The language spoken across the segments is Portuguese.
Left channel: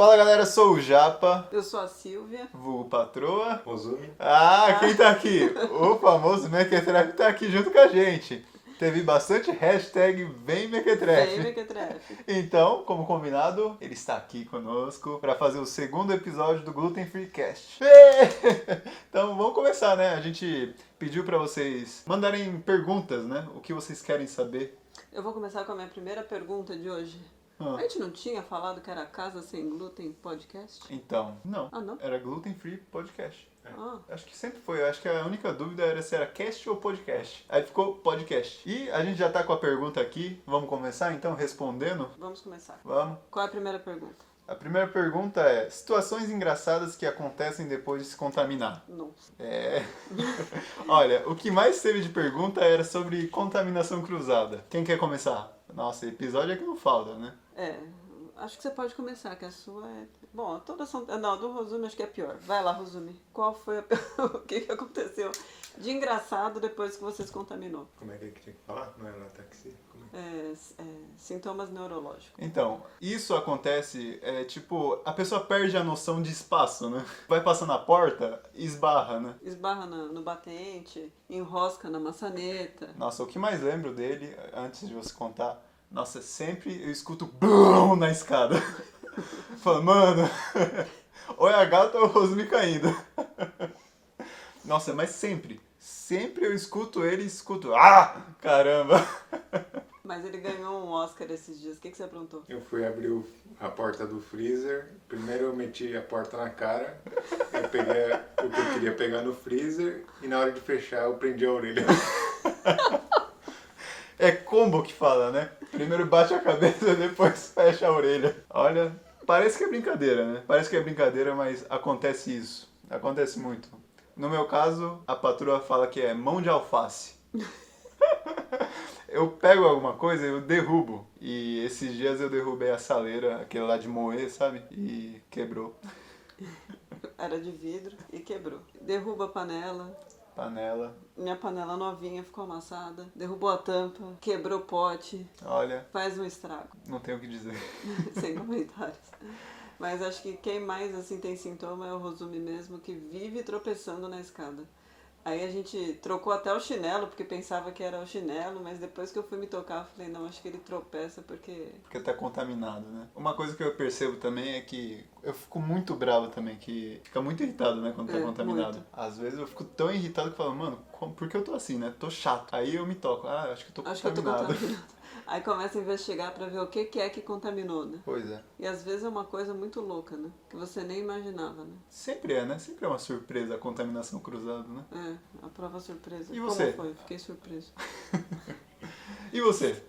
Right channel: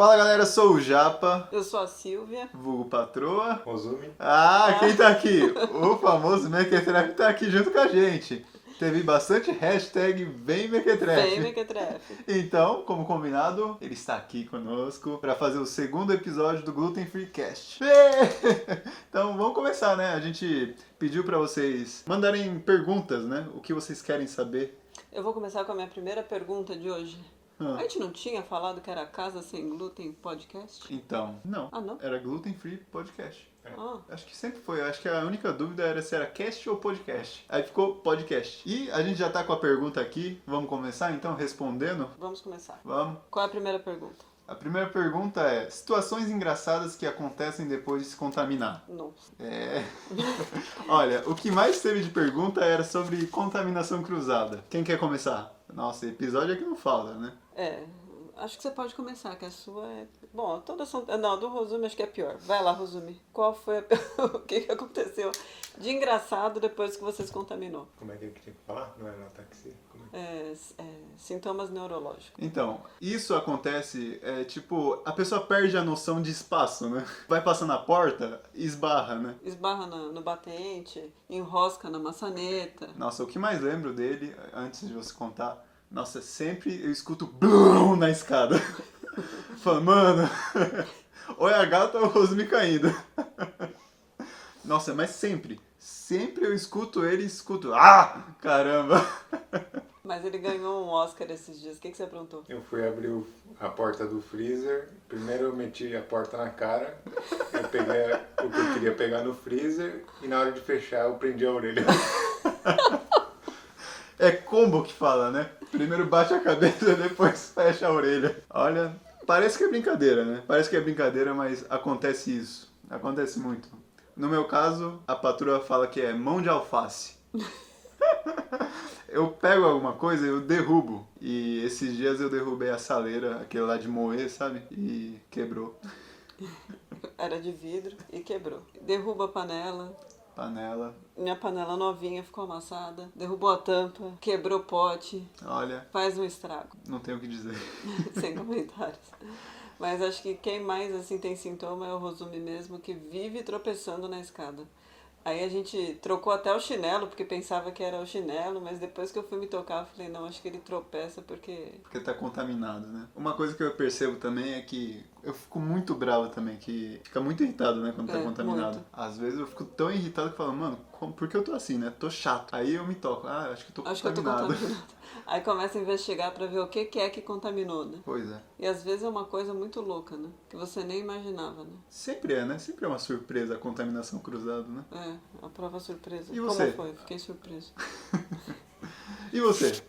Fala galera, eu sou o Japa, Eu sou a Silvia. vulgo Patroa. Rosumi. Quem tá aqui? O famoso Mequetrefe tá aqui junto com a gente. Teve bastante hashtag Vem Vem, Mequetrefe. Mequetrefe. Então, como combinado, ele está aqui conosco para fazer o segundo episódio do Gluten Free Cast. Então vamos começar, né? A gente pediu para vocês mandarem perguntas, né? O que vocês querem saber. Eu vou começar com a minha primeira pergunta de hoje. A gente não tinha falado que era Casa Sem Glúten Podcast? Então, não. Ah, não? Era Gluten Free Podcast. Ah, Acho que sempre foi. Acho que a única dúvida era se era cast ou podcast. Aí ficou podcast. E a gente já tá com a pergunta aqui. Vamos começar então respondendo? vamos começar. Vamos. Qual é a primeira pergunta? A primeira pergunta é: situações engraçadas que acontecem depois de se contaminar. Nossa. Olha, o que mais teve de pergunta era sobre contaminação cruzada. Quem quer começar? Nossa, episódio aqui não falta, né? Acho que você pode começar, que a sua é... Bom, todas são... Não, do Rosumi acho que é pior. Vai lá, Rosumi. Qual foi o que aconteceu de engraçado depois que você se contaminou? Como é que tinha que falar? Não era ataxia? Como é? Sintomas neurológicos. Então, isso acontece, tipo, a pessoa perde a noção de espaço, né? Vai passando a porta, esbarra, né? Esbarra no batente, enrosca na maçaneta. Nossa, o que mais lembro dele, antes de você contar, nossa, sempre eu escuto BUM na escada. Falo, mano, ou é a gata ou o Rosmi caindo. Nossa, mas sempre eu escuto ele e escuto, caramba. Mas ele ganhou um Oscar esses dias. O que você aprontou? Eu fui abrir a porta do freezer. Primeiro eu meti a porta na cara. Eu peguei o que eu queria pegar no freezer. E na hora de fechar eu prendi a orelha. É combo que fala, né? Primeiro bate a cabeça, depois fecha a orelha. Olha, parece que é brincadeira, né? Parece que é brincadeira, mas acontece isso. Acontece muito. No meu caso, a patroa fala que é mão de alface. Eu pego alguma coisa e eu derrubo. E esses dias eu derrubei a saleira, aquele lá de moer, sabe? E quebrou. Era de vidro e quebrou. Derruba a panela. Minha panela novinha ficou amassada. Derrubou a tampa. Quebrou o pote. Olha, Faz um estrago. não tenho o que dizer. Sem comentários. Mas acho que quem mais assim tem sintoma é o Rosumi mesmo, que vive tropeçando na escada. Aí a gente trocou até o chinelo, porque pensava que era o chinelo, mas depois que eu fui me tocar, eu falei, não, acho que ele tropeça porque... Porque tá contaminado, né? Uma coisa que eu percebo também é que eu fico muito bravo também, que fica muito irritado, né, quando tá contaminado. Muito. Às vezes eu fico tão irritado que eu falo, mano, por que eu tô assim, né? Tô chato. Aí eu me toco, acho que tô Acho que eu tô contaminado. contaminada. Aí começa a investigar pra ver o que é que contaminou, né? Pois é. E às vezes é uma coisa muito louca, né? Que você nem imaginava, né? Sempre é, né? Sempre é uma surpresa a contaminação cruzada, né? A prova surpresa. E você? Como foi? Fiquei surpreso. E você?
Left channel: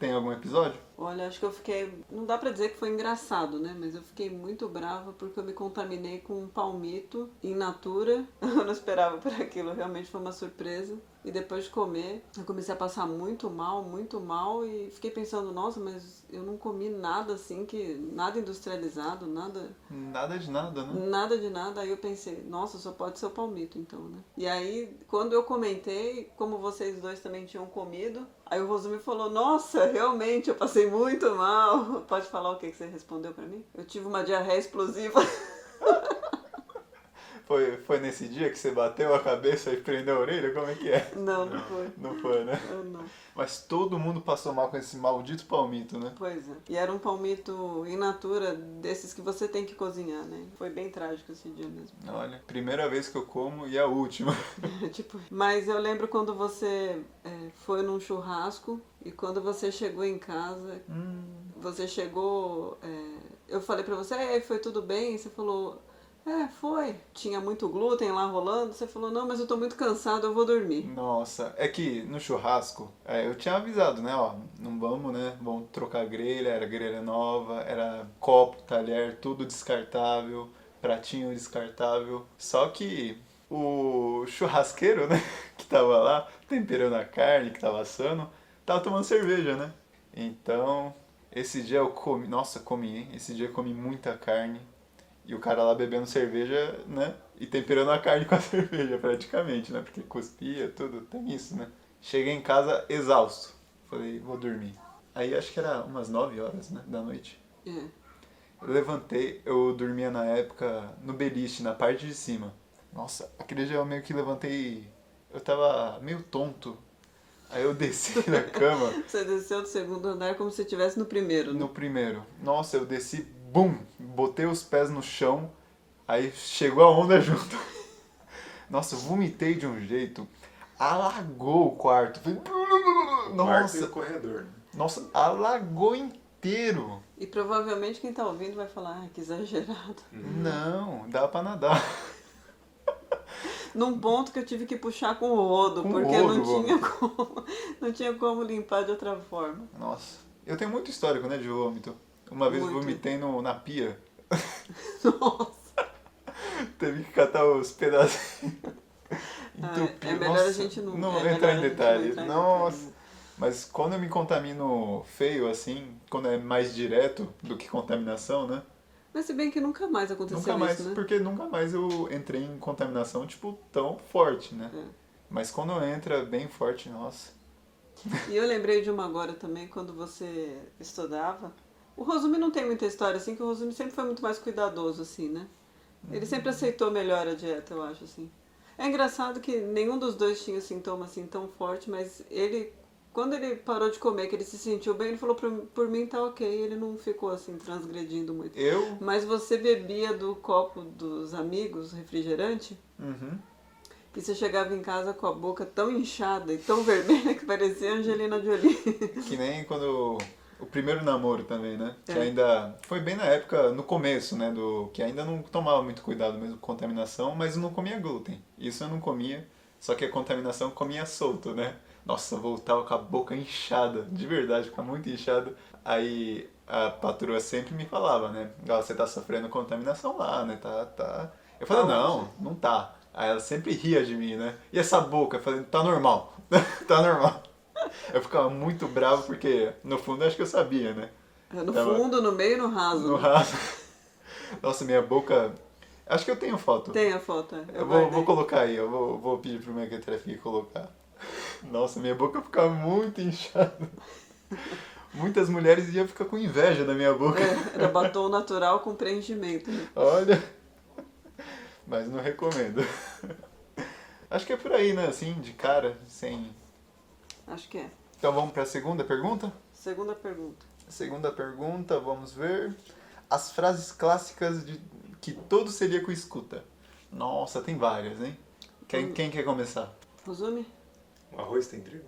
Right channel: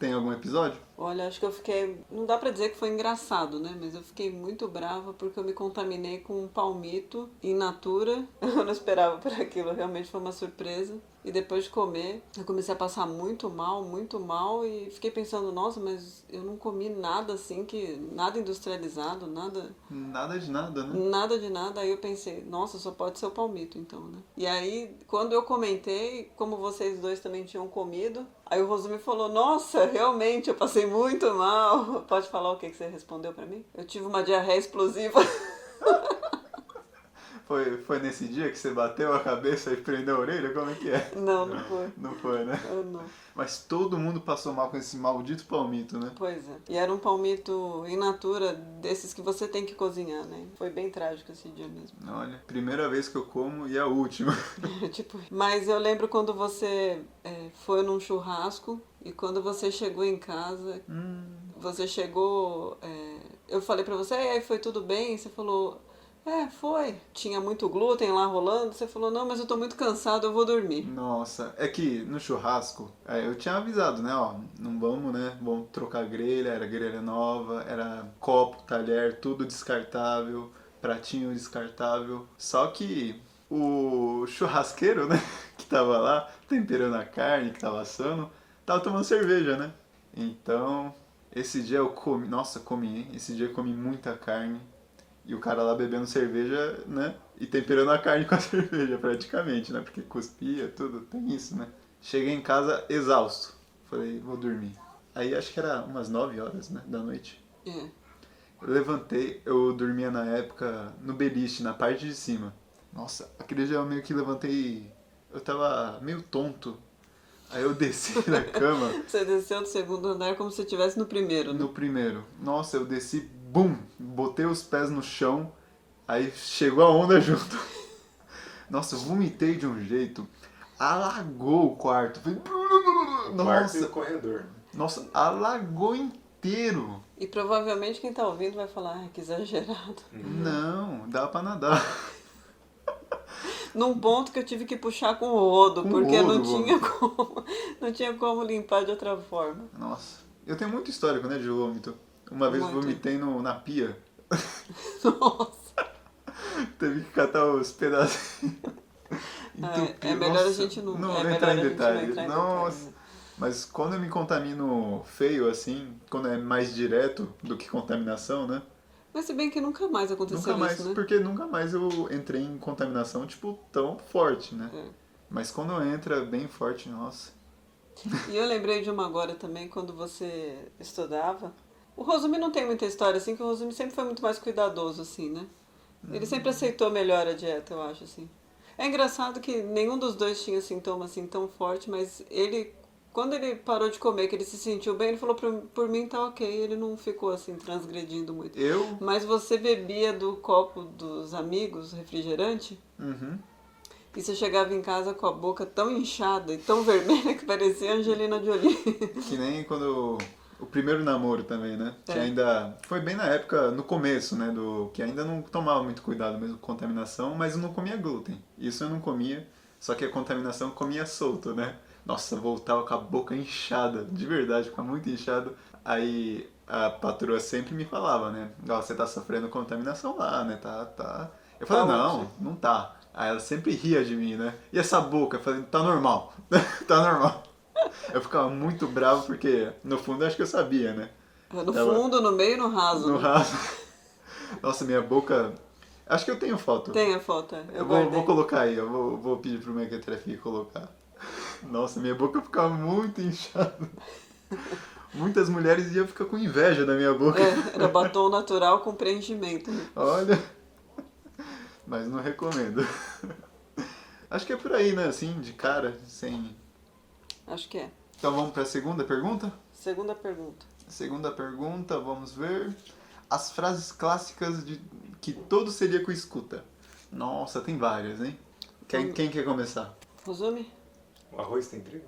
Tem algum episódio? Olha, acho que eu fiquei... Não dá pra dizer que foi engraçado, né? Mas eu fiquei muito brava porque eu me contaminei com um palmito in natura. Eu não esperava por aquilo, realmente foi uma surpresa. E depois de comer, eu comecei a passar muito mal. E fiquei pensando, nossa, mas eu não comi nada assim, nada industrializado, nada... Nada de nada, né? Nada de nada. Aí eu pensei, nossa, só pode ser o palmito então, né? E aí, quando eu comentei, como vocês dois também tinham comido, aí o Rosumi falou, nossa, realmente, eu passei muito mal. Pode falar o que você respondeu pra mim? Eu tive uma diarreia explosiva. Foi nesse dia que você bateu a cabeça e prendeu a orelha? Como é que é? Não foi. Não foi, né? Eu não. Mas todo mundo passou mal com esse maldito palmito, né? Pois é. E era um palmito in natura, desses que você tem que cozinhar, né? Foi bem trágico esse dia mesmo. Olha, primeira vez que eu como e a última. Tipo, mas eu lembro quando você foi num churrasco e quando você chegou em casa, você chegou... eu falei pra você, aí foi tudo bem? E você falou... foi. Tinha muito glúten lá rolando. Você falou, não, mas eu tô muito cansado, eu vou dormir. Nossa, é que no churrasco, eu tinha avisado, né, ó, não vamos, né, vamos trocar grelha, era grelha nova, era copo, talher, tudo descartável, pratinho descartável. Só que o churrasqueiro, né, que tava lá, temperando a carne, que tava assando, tava tomando cerveja, né. Então, esse dia eu comi, nossa, comi, hein? Esse dia eu comi muita carne. E o cara lá bebendo cerveja, né? E temperando a carne com a cerveja, praticamente, né? Porque cuspia, tudo, tem isso, né? Cheguei em casa exausto. Falei, vou dormir. Aí acho que era umas 9 horas, né? Da noite. levantei, eu dormia na época no beliche, na parte de cima. Nossa, aquele dia eu meio que levantei, eu tava meio tonto. Aí eu desci na cama Você desceu do segundo andar como se estivesse no primeiro, né? no primeiro. Nossa, eu desci, bum, botei os pés no chão, aí chegou a onda junto. Nossa, eu vomitei de um jeito, alagou o quarto. Foi- O quarto e o Nossa, corredor. Né? nossa, alagou inteiro. E provavelmente quem tá ouvindo vai falar, ah, que exagerado. Não, dá pra nadar. Num ponto que eu tive que puxar com o rodo, Com porque rodo, não tinha como limpar de outra forma. Nossa, eu tenho muito histórico, né, de vômito. Uma vez Muito. vomitei na pia, Nossa. teve que catar os pedacinhos. É melhor a gente não- Não é vou melhor entrar a em gente não detalhes. entrar em Nossa. detalhes. Mas quando eu me contamino feio, assim, quando é mais direto do que contaminação, né? Mas se bem que nunca mais aconteceu Nunca mais, isso, né? porque nunca mais eu entrei em contaminação, tipo, tão forte, né? É. Mas quando entra bem forte, nossa. E eu lembrei de uma agora também, quando você estudava. O Rosumi não tem muita história, assim, que o Rosumi sempre foi muito mais cuidadoso, assim, né? Ele sempre aceitou melhor a dieta, eu acho, assim. É engraçado que nenhum dos dois tinha sintoma, assim, tão forte, mas ele, quando ele parou de comer, que ele se sentiu bem, ele falou, por mim tá ok, ele não ficou, assim, transgredindo muito. Eu. Mas você bebia do copo dos amigos, refrigerante, Uhum. e você chegava em casa com a boca tão inchada e tão vermelha que parecia Angelina Jolie. Que nem quando. O primeiro namoro também, né? Que É. ainda. Foi bem na época, no começo, né? Que ainda não tomava muito cuidado mesmo com contaminação, mas eu não comia glúten. Isso eu não comia, só que a contaminação eu comia solto, né? Nossa, voltava com a boca inchada, de verdade, ficava muito inchado. Aí a patroa sempre me falava, né? Ó, você tá sofrendo contaminação lá, né? Tá. Eu falei, Tá não, onde? não tá. Aí ela sempre ria de mim, né? E essa boca? Eu falei, tá normal, tá normal. Eu ficava muito bravo porque, no fundo, acho que eu sabia, né? No Tava fundo, no meio e no raso, no né? raso. Nossa, minha boca. Acho que eu tenho foto. Tem a foto, Eu eu vou guardei. colocar aí, eu vou pedir pro Mequetrefe colocar. Nossa, minha boca ficava muito inchada. Muitas mulheres iam ficar com inveja da minha boca. É, era batom natural com preenchimento, né? Olha. Mas não recomendo. Acho que é por aí, né? Assim, de cara, sem. Acho que é. Então vamos para a segunda pergunta? Segunda pergunta. Segunda pergunta, vamos ver. As frases clássicas que todo celíaco escuta. Nossa, tem várias, hein? Quem quer começar? Rosumi? O arroz tem trigo?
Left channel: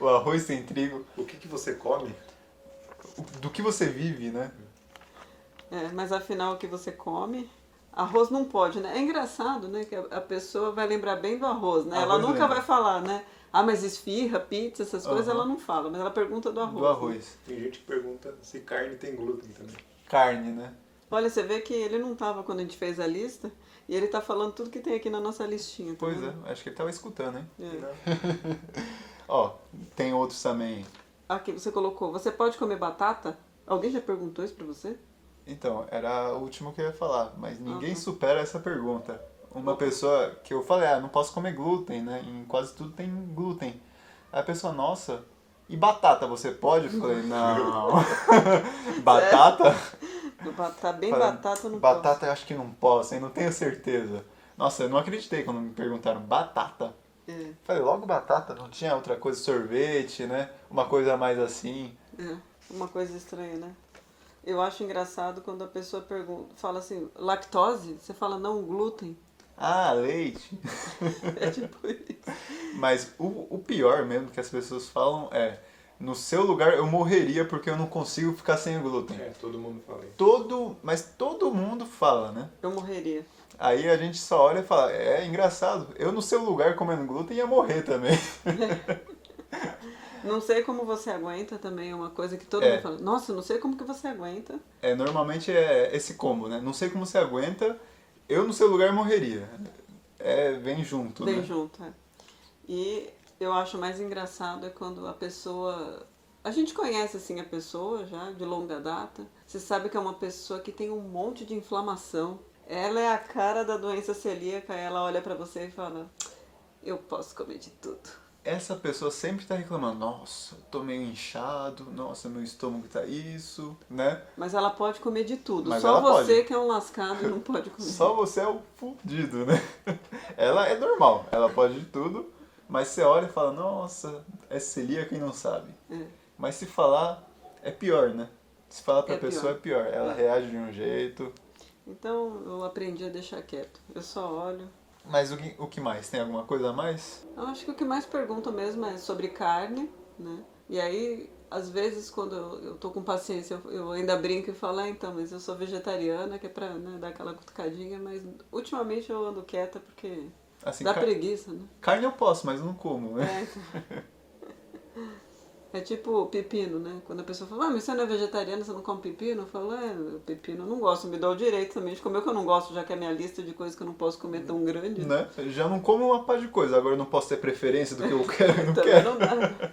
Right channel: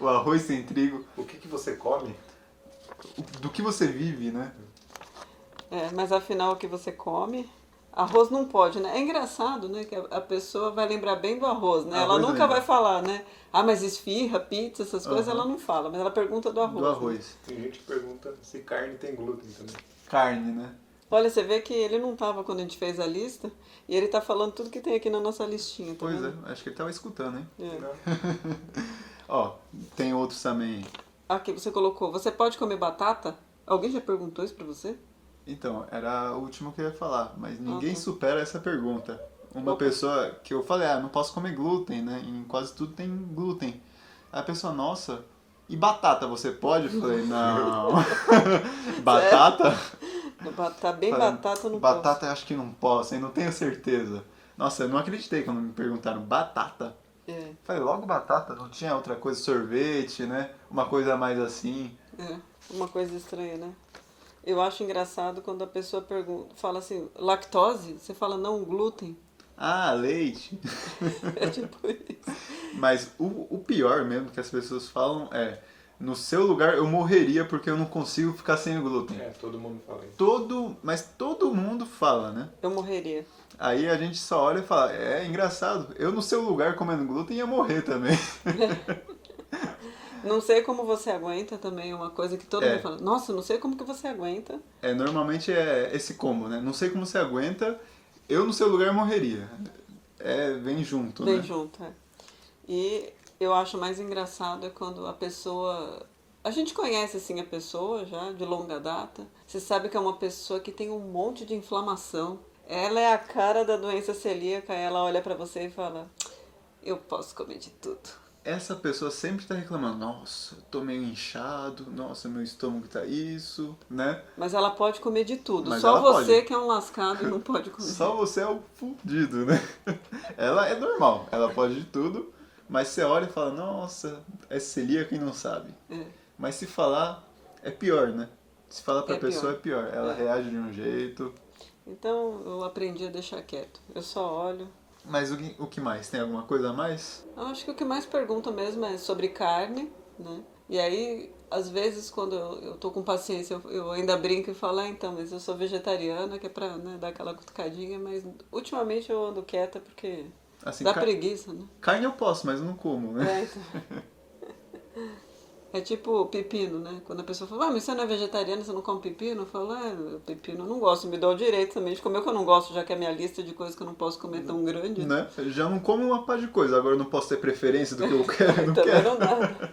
O arroz tem trigo. O que você come? Do que você vive, né? É, mas afinal o que você come? Arroz não pode, né? É engraçado, né? Que a pessoa vai lembrar bem do arroz, né? Ela Arroz nunca lembra. vai falar, né? Ah, mas esfirra, pizza, essas coisas Aham. ela não fala, mas ela pergunta do arroz. Do né? arroz. Tem gente que pergunta se carne tem glúten também. Carne, né? Olha, você vê que ele não tava quando a gente fez a lista e ele tá falando tudo que tem aqui na nossa listinha. Tá Pois vendo? é, acho que ele tava escutando, hein? É. Não. Ó, tem outros também. Aqui você colocou, você pode comer batata? Alguém já perguntou isso pra você? Então, era o último que eu ia falar, mas ninguém tá. supera essa pergunta. Uma Opa. pessoa que eu falei, não posso comer glúten, né? Em quase tudo tem glúten. Aí a pessoa, nossa, e batata você pode? Eu falei, não. Batata? Tá bem Falei, batata no batata eu acho que não posso, hein? Não tenho certeza. Nossa, eu não acreditei quando me perguntaram batata. É, Falei, logo batata, não tinha outra coisa, sorvete, né? Uma coisa mais assim. uma coisa estranha, né? Eu acho engraçado quando a pessoa pergunta, fala assim, lactose? Você fala não, glúten. Ah, leite. É tipo isso. Mas o pior mesmo que as pessoas falam é, no seu lugar eu morreria porque eu não consigo ficar sem glúten. É, todo mundo fala isso. Mas todo mundo fala, né? Eu morreria. Aí a gente só olha e fala, é engraçado, eu no seu lugar comendo glúten ia morrer também. Não sei como você aguenta também, é uma coisa que todo É. mundo fala. Nossa, não sei como que você aguenta. Normalmente é esse combo, né? Não sei como você aguenta, eu no seu lugar morreria. Vem junto, Vem né? junto, é. E eu acho mais engraçado é quando a pessoa... A gente conhece, assim, a pessoa já, de longa data. Você sabe que é uma pessoa que tem um monte de inflamação. Ela é a cara da doença celíaca, ela olha pra você e fala... Eu posso comer de tudo. essa pessoa sempre tá reclamando, nossa, eu tô meio inchado, nossa, meu estômago tá isso, né? Mas ela pode comer de tudo. Mas Só ela você pode. que é um lascado e não pode comer. Só você é o fudido, né? Ela é normal, ela pode de tudo, mas você olha e fala, nossa, é celíaca e não sabe. É, Mas se falar, é pior, né? Se falar pra É pessoa pior. é pior. Ela É. reage de um jeito. Então eu aprendi a deixar quieto. Eu só olho. Mas o que mais? Tem alguma coisa a mais? Eu acho que o que mais perguntam mesmo é sobre carne, né? E aí, às vezes, quando eu tô com paciência, eu ainda brinco e falo, então, mas eu sou vegetariana, que é pra, né, dar aquela cutucadinha, mas ultimamente eu ando quieta porque Assim, dá preguiça, né? carne eu posso, mas não como, né? É, então. É tipo pepino, né? Quando a pessoa fala, mas você não é vegetariana, você não come pepino? Eu falo, pepino eu não gosto, me dá o direito também de comer o que eu não gosto, já que a minha lista de coisas que eu não posso comer é tão grande. Né? Eu já não como uma par de coisa, agora eu não posso ter preferência do que eu quero, não Também quero. não dá.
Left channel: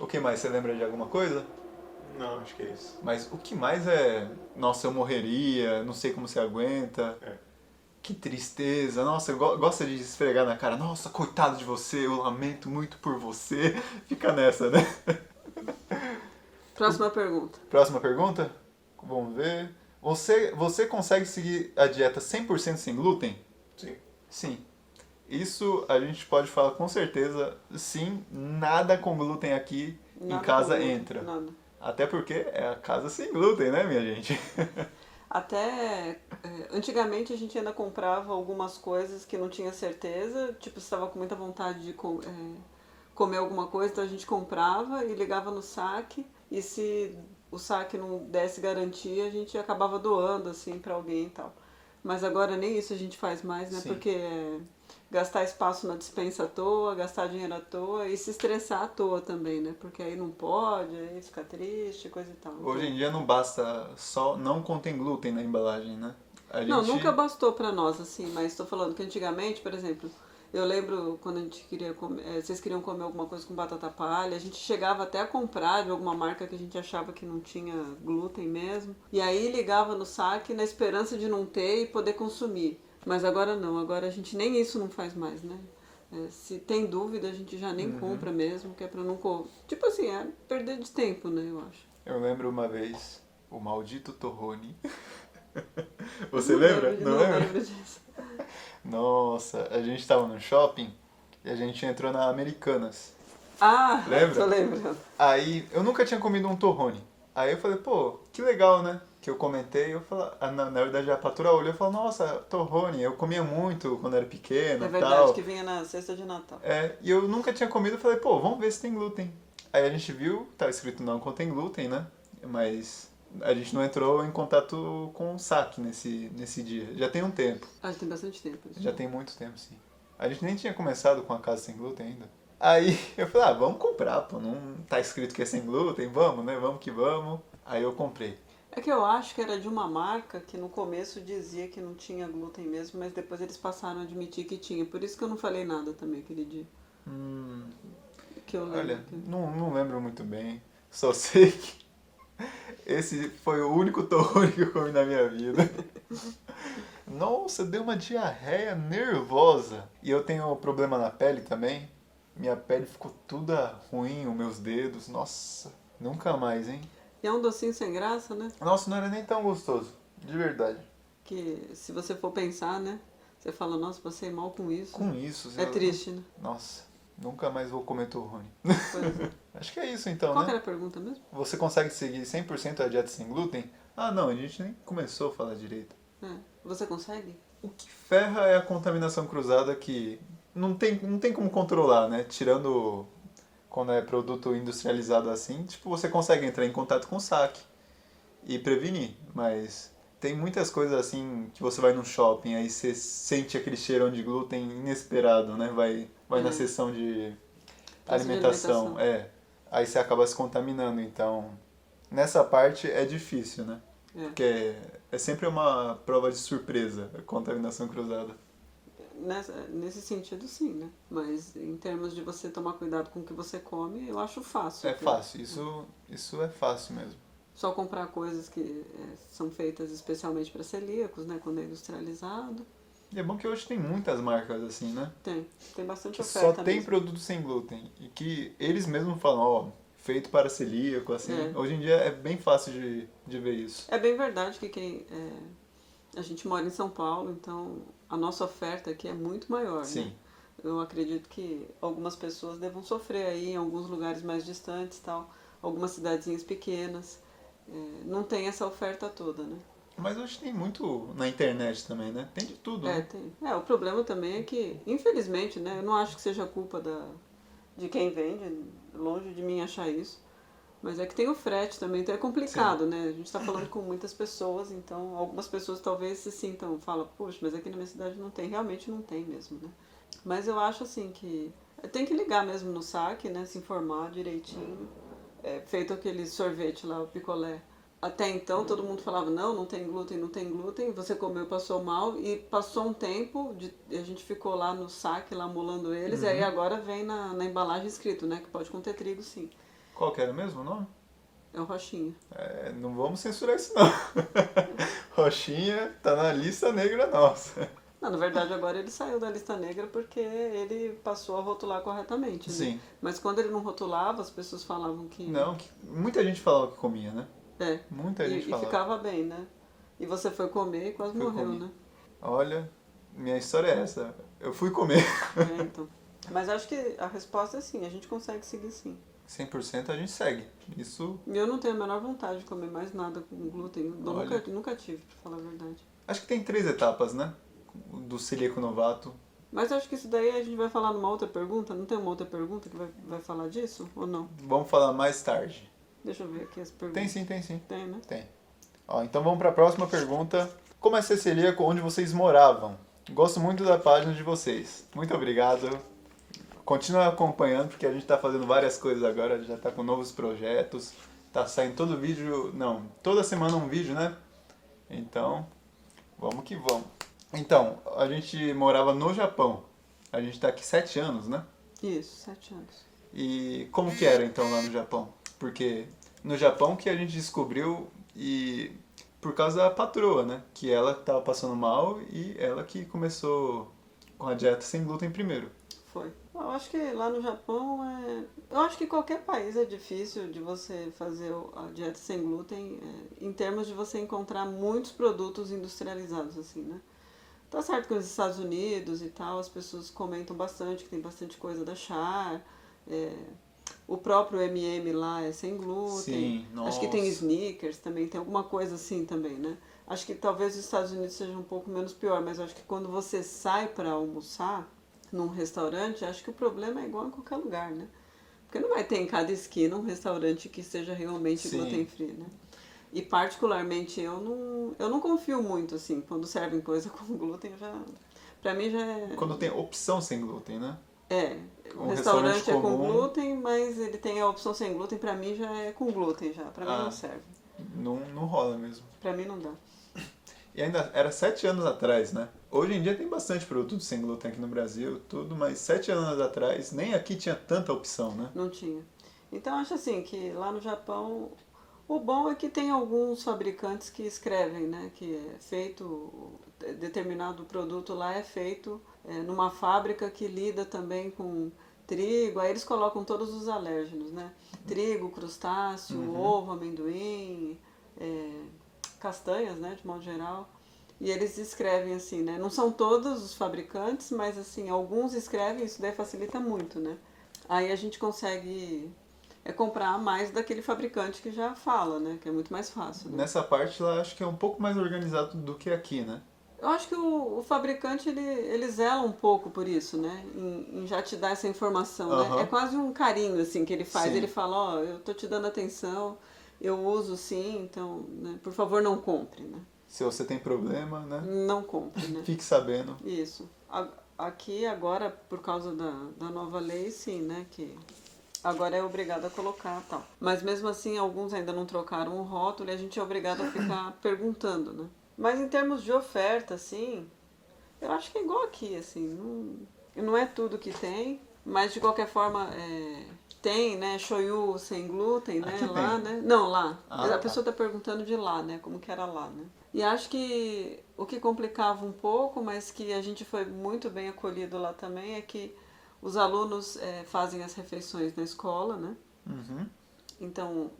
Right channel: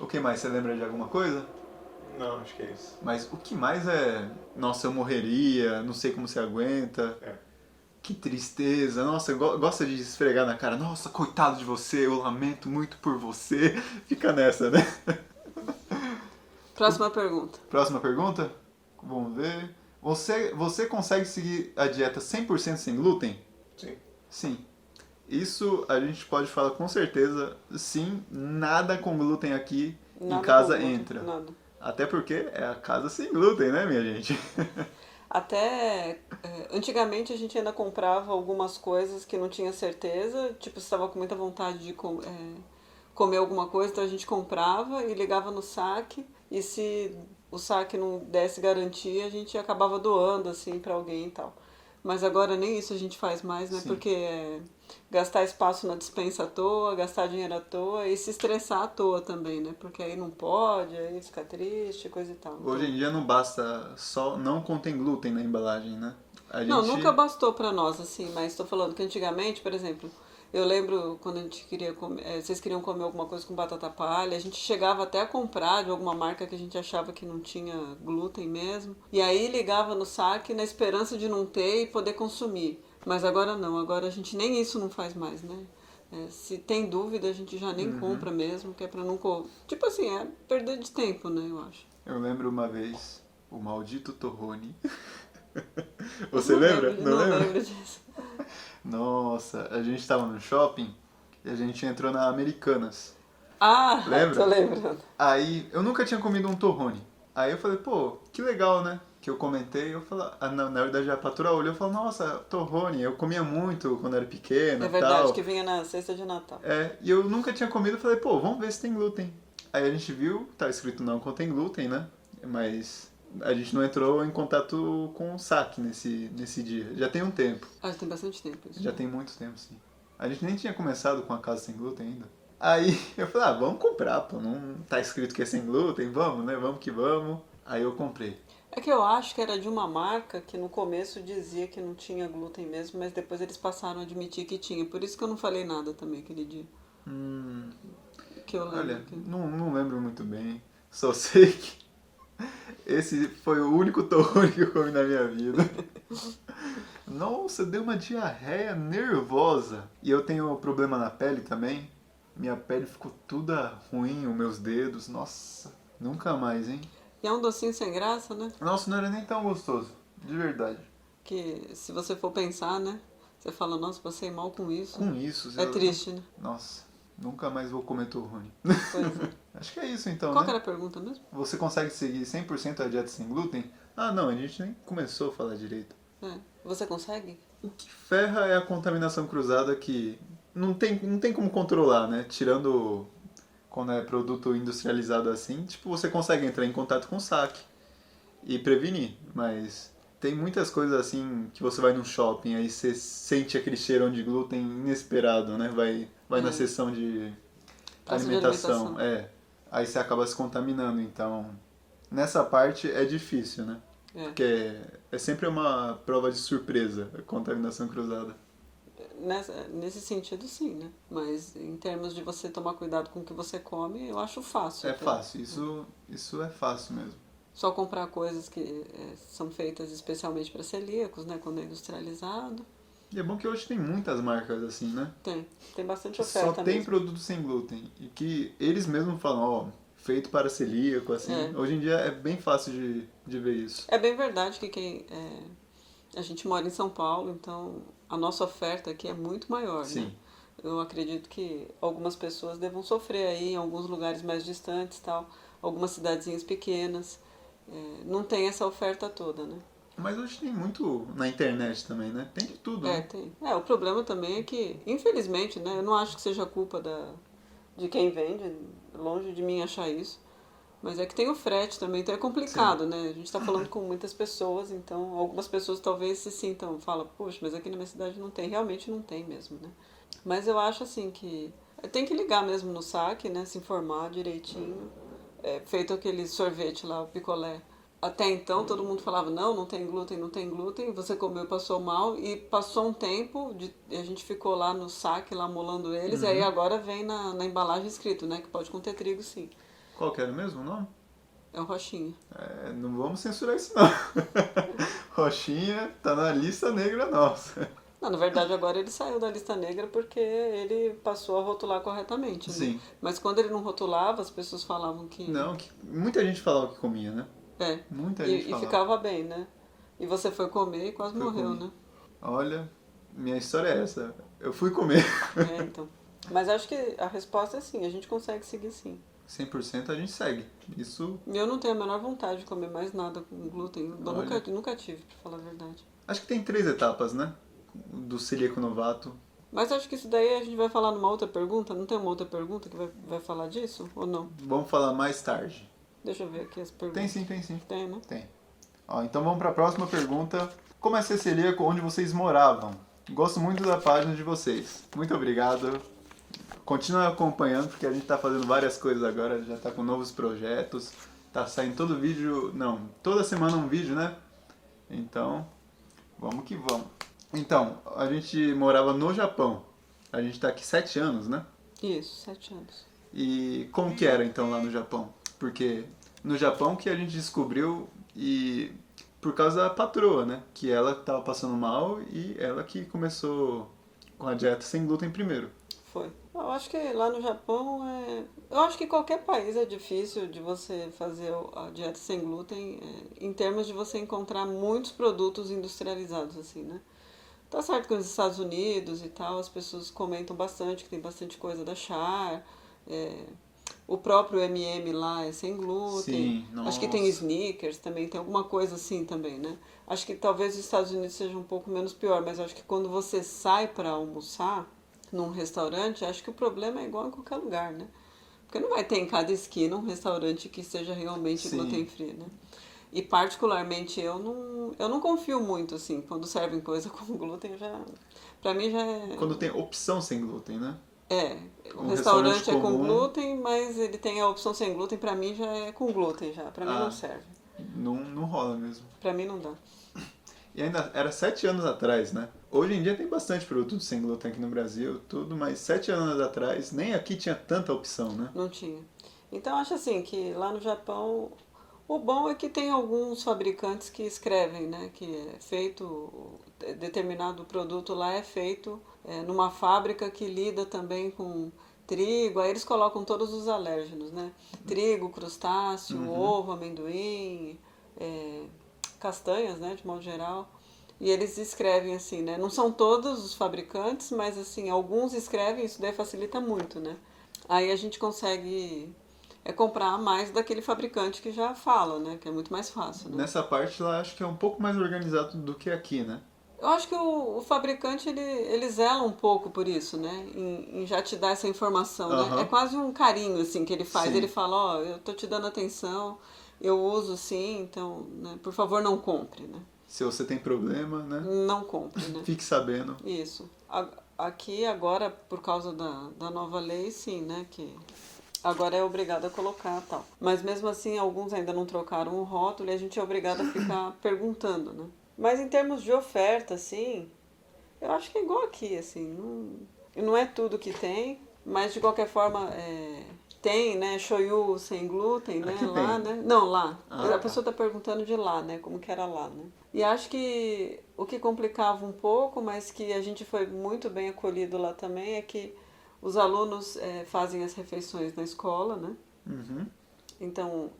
O que mais? Você lembra de alguma coisa? Não, acho que é isso. Mas o que mais é, nossa, eu morreria, não sei como você aguenta. É. Que tristeza, nossa, gosta de esfregar na cara, nossa, coitado de você, eu lamento muito por você. Fica nessa, né? Próxima pergunta. Próxima pergunta? Vamos ver. Você consegue seguir a dieta 100% sem glúten? Sim. Sim. Isso a gente pode falar com certeza, sim, nada com glúten aqui em Nada casa com glúten, entra. nada. Até porque é a casa sem glúten, né, minha gente? Até antigamente a gente ainda comprava algumas coisas que não tinha certeza, tipo, se estava com muita vontade de comer alguma coisa, então a gente comprava e ligava no saque, e se o saque não desse garantia, a gente acabava doando assim para alguém e tal. Mas agora nem isso a gente faz mais, né? Sim. Porque gastar espaço na despensa à toa, gastar dinheiro à toa e se estressar à toa também, né? Porque aí não pode, aí fica triste, coisa e tal. Hoje em dia não basta só não contém glúten na embalagem, né? A Não, gente... nunca bastou pra nós, assim, mas tô falando que antigamente, por exemplo, eu lembro quando a gente queria comer, vocês queriam comer alguma coisa com batata palha, a gente chegava até a comprar de alguma marca que a gente achava que não tinha glúten mesmo, e aí ligava no saque na esperança de não ter e poder consumir. Mas agora não, agora a gente nem isso não faz mais, né? Se tem dúvida, a gente já nem compra mesmo, que é pra não... Tipo assim, é perder de tempo, né, eu acho. Eu lembro uma vez, o maldito torrone. Você lembra? Não lembro disso. Nossa, a gente tava no shopping e a gente entrou na Americanas. Ah, Lembra? tô lembrando. Aí, eu nunca tinha comido um torrone. Aí eu falei, pô, que legal, né? Que eu comentei, eu falei, na verdade a patroa olhou e falou, nossa, torrone, eu comia muito quando era pequena É e verdade, tal. que vinha na cesta de Natal. E eu nunca tinha comido, eu falei, pô, vamos ver se tem glúten. Aí a gente viu, tá escrito não contém glúten, né? Mas a gente não entrou em contato com o saque nesse dia. Já tem um tempo. Ah, tem bastante tempo isso. Já tem muito tempo, sim. A gente nem tinha começado com a casa sem glúten ainda. Aí eu falei, vamos comprar, pô. Não tá escrito que é sem glúten, vamos, né? Vamos que vamos. Aí eu comprei. É que eu acho que era de uma marca que no começo dizia que não tinha glúten mesmo, mas depois eles passaram a admitir que tinha. Por isso que eu não falei nada também aquele dia. Que eu lembro. Olha, não lembro muito bem. Só sei que esse foi o único torrone que eu comi na minha vida. Nossa, deu uma diarreia nervosa. E eu tenho problema na pele também. Minha pele ficou toda ruim, os meus dedos. Nossa, nunca mais, hein? E é um docinho sem graça, né? Nossa, não era nem tão gostoso. De verdade. Que se você for pensar, né? Você fala, nossa, passei mal com isso. Com isso... É triste, né? Nossa, nunca mais vou comer torrone. Pois é. Acho que é isso então, Qual que né? era a pergunta mesmo? Você consegue seguir 100% a dieta sem glúten? Ah, não, a gente nem começou a falar direito. Você consegue? O que ferra é a contaminação cruzada que não tem como controlar, né? Tirando quando é produto industrializado assim, tipo, você consegue entrar em contato com o saque e prevenir, mas tem muitas coisas assim que você vai num shopping, aí você sente aquele cheirão de glúten inesperado, né? Vai na seção de Praça de alimentação, aí você acaba se contaminando, então nessa parte é difícil, né? Porque é sempre uma prova de surpresa, a contaminação cruzada. Nesse sentido, sim, né? Mas em termos de você tomar cuidado com o que você come, eu acho fácil. É fácil, isso é fácil mesmo. Só comprar coisas que são feitas especialmente para celíacos, né? Quando é industrializado. E é bom que hoje tem muitas marcas assim, né? Tem bastante Que oferta só tem mesmo. produto sem glúten. E que eles mesmos falam, ó, feito para celíaco, assim. É. Hoje em dia é bem fácil de ver isso. É bem verdade que a gente mora em São Paulo, então a nossa oferta aqui é muito maior, né? Sim. Eu acredito que algumas pessoas devam sofrer aí em alguns lugares mais distantes, tal, algumas cidadezinhas pequenas, não tem essa oferta toda, né? Mas hoje tem muito na internet também, né? Tem de tudo, né? Tem. O problema também é que, infelizmente, né, eu não acho que seja culpa de quem vende, longe de mim achar isso, mas é que tem o frete também, então é Sim. complicado, né? A gente está falando com muitas pessoas, então algumas pessoas talvez se sintam, falam, puxa, mas aqui na minha cidade não tem, realmente não tem mesmo, né? Mas eu acho assim que tem que ligar mesmo no saque, né? Se informar direitinho. Feito aquele sorvete lá, o picolé. Até então todo mundo falava, não, não tem glúten, não tem glúten. Você comeu, passou mal. E passou um tempo, a gente ficou lá no saque, lá molando eles. E aí agora vem na embalagem escrito, né? Que pode conter trigo, sim. Qual que era mesmo o nome? É o roxinho. É, não vamos censurar isso não. Roxinha tá na lista negra nossa. Não, na verdade agora ele saiu da lista negra porque ele passou a rotular corretamente, né? Sim. Mas quando ele não rotulava, as pessoas falavam que... Não, muita gente falava que comia, né? É, Muita gente e falava. ficava bem, né? E você foi comer e quase Fui morreu, comer. né? Olha, minha história é essa. Eu fui comer. Então. Mas acho que a resposta é sim, a gente consegue seguir sim. 100% a gente segue. Isso, E eu não tenho a menor vontade de comer mais nada com glúten. Eu olha. nunca tive, pra falar a verdade. Acho que tem 3 etapas, né? Do celíaco novato. Mas acho que isso daí a gente vai falar numa outra pergunta. Não tem uma outra pergunta que vai falar disso? Ou não? Vamos falar mais tarde. Deixa eu ver aqui as perguntas. Tem sim, tem sim. Tem, né? Tem. Ó, então vamos para a próxima pergunta. Como é ser celíaco onde vocês moravam? Gosto muito da página de vocês. Muito obrigado. Continua acompanhando, porque a gente está fazendo várias coisas agora, já está com novos projetos. Tá saindo todo vídeo. Não, toda semana um vídeo, né? Então, vamos que vamos. Então, a gente morava no Japão. A gente está aqui 7 anos, né? Isso, 7 anos. E como que era então lá no Japão? Porque no Japão que a gente descobriu e por causa da patroa, né? Que ela estava passando mal e ela que começou com a dieta sem glúten primeiro. Foi. Eu acho que lá no Japão Eu acho que qualquer país é difícil de você fazer a dieta sem glúten, em termos de você encontrar muitos produtos industrializados, assim, né? Tá certo que nos Estados Unidos e tal, as pessoas comentam bastante, que tem bastante coisa da Char. é, o próprio M&M lá é sem glúten. Sim, Acho que tem nossa. Snickers também, tem alguma coisa assim também, né? Acho que talvez os Estados Unidos seja um pouco menos pior, mas acho que quando você sai para almoçar num restaurante, acho que o problema é igual em qualquer lugar, né? Porque não vai ter em cada esquina um restaurante que seja realmente gluten Sim. free, né? E particularmente eu não confio muito, assim, quando servem coisa com glúten, pra mim já Quando tem opção sem glúten, né? é, o Um restaurante restaurante é com comum, glúten, mas ele tem a opção sem glúten, pra mim já é com glúten já, pra mim não ah, serve, não rola mesmo. pra mim não dá. E ainda era 7 anos atrás, né? Hoje em dia tem bastante produto sem glúten aqui no Brasil, tudo, mas 7 anos atrás nem aqui tinha tanta opção, né? Não tinha. Então acho assim que lá no Japão o bom é que tem alguns fabricantes que escrevem, né, que é feito determinado produto lá é feito numa fábrica que lida também com trigo, aí eles colocam todos os alérgenos, né? Trigo, crustáceo, ovo, amendoim, é, castanhas, né, de modo geral. E eles escrevem assim, né? Não são todos os fabricantes, mas assim, alguns escrevem, isso daí facilita muito, né? Aí a gente consegue comprar mais daquele fabricante que já fala, né? Que é muito mais fácil, né? Nessa parte lá acho que é um pouco mais organizado do que aqui, né? Eu acho que o fabricante, ele zela um pouco por isso, né? Em já te dar essa informação, né? É Aham, quase um carinho, assim, que ele faz. Ele sim. fala, ó, eu tô te dando atenção, eu uso sim, então, né? Por favor, não compre, né? Se você tem problema, né? Não compre, né? Fique sabendo. Isso. Aqui agora, por causa da nova lei, sim, né? Que agora é obrigado a colocar tal. Mas mesmo assim, alguns ainda não trocaram o rótulo e a gente é obrigado a ficar perguntando, né? Mas em termos de oferta, assim, eu acho que é igual aqui, assim. Não é tudo que tem, mas de qualquer forma, Tem, né, shoyu sem glúten, né, Aqui lá, tem. né? Não, lá. Ah, A tá. pessoa tá perguntando de lá, né, como que era lá, né? E acho que o que complicava um pouco, mas que a gente foi muito bem acolhido lá também, é que os alunos fazem as refeições na escola, né? Uhum. Então,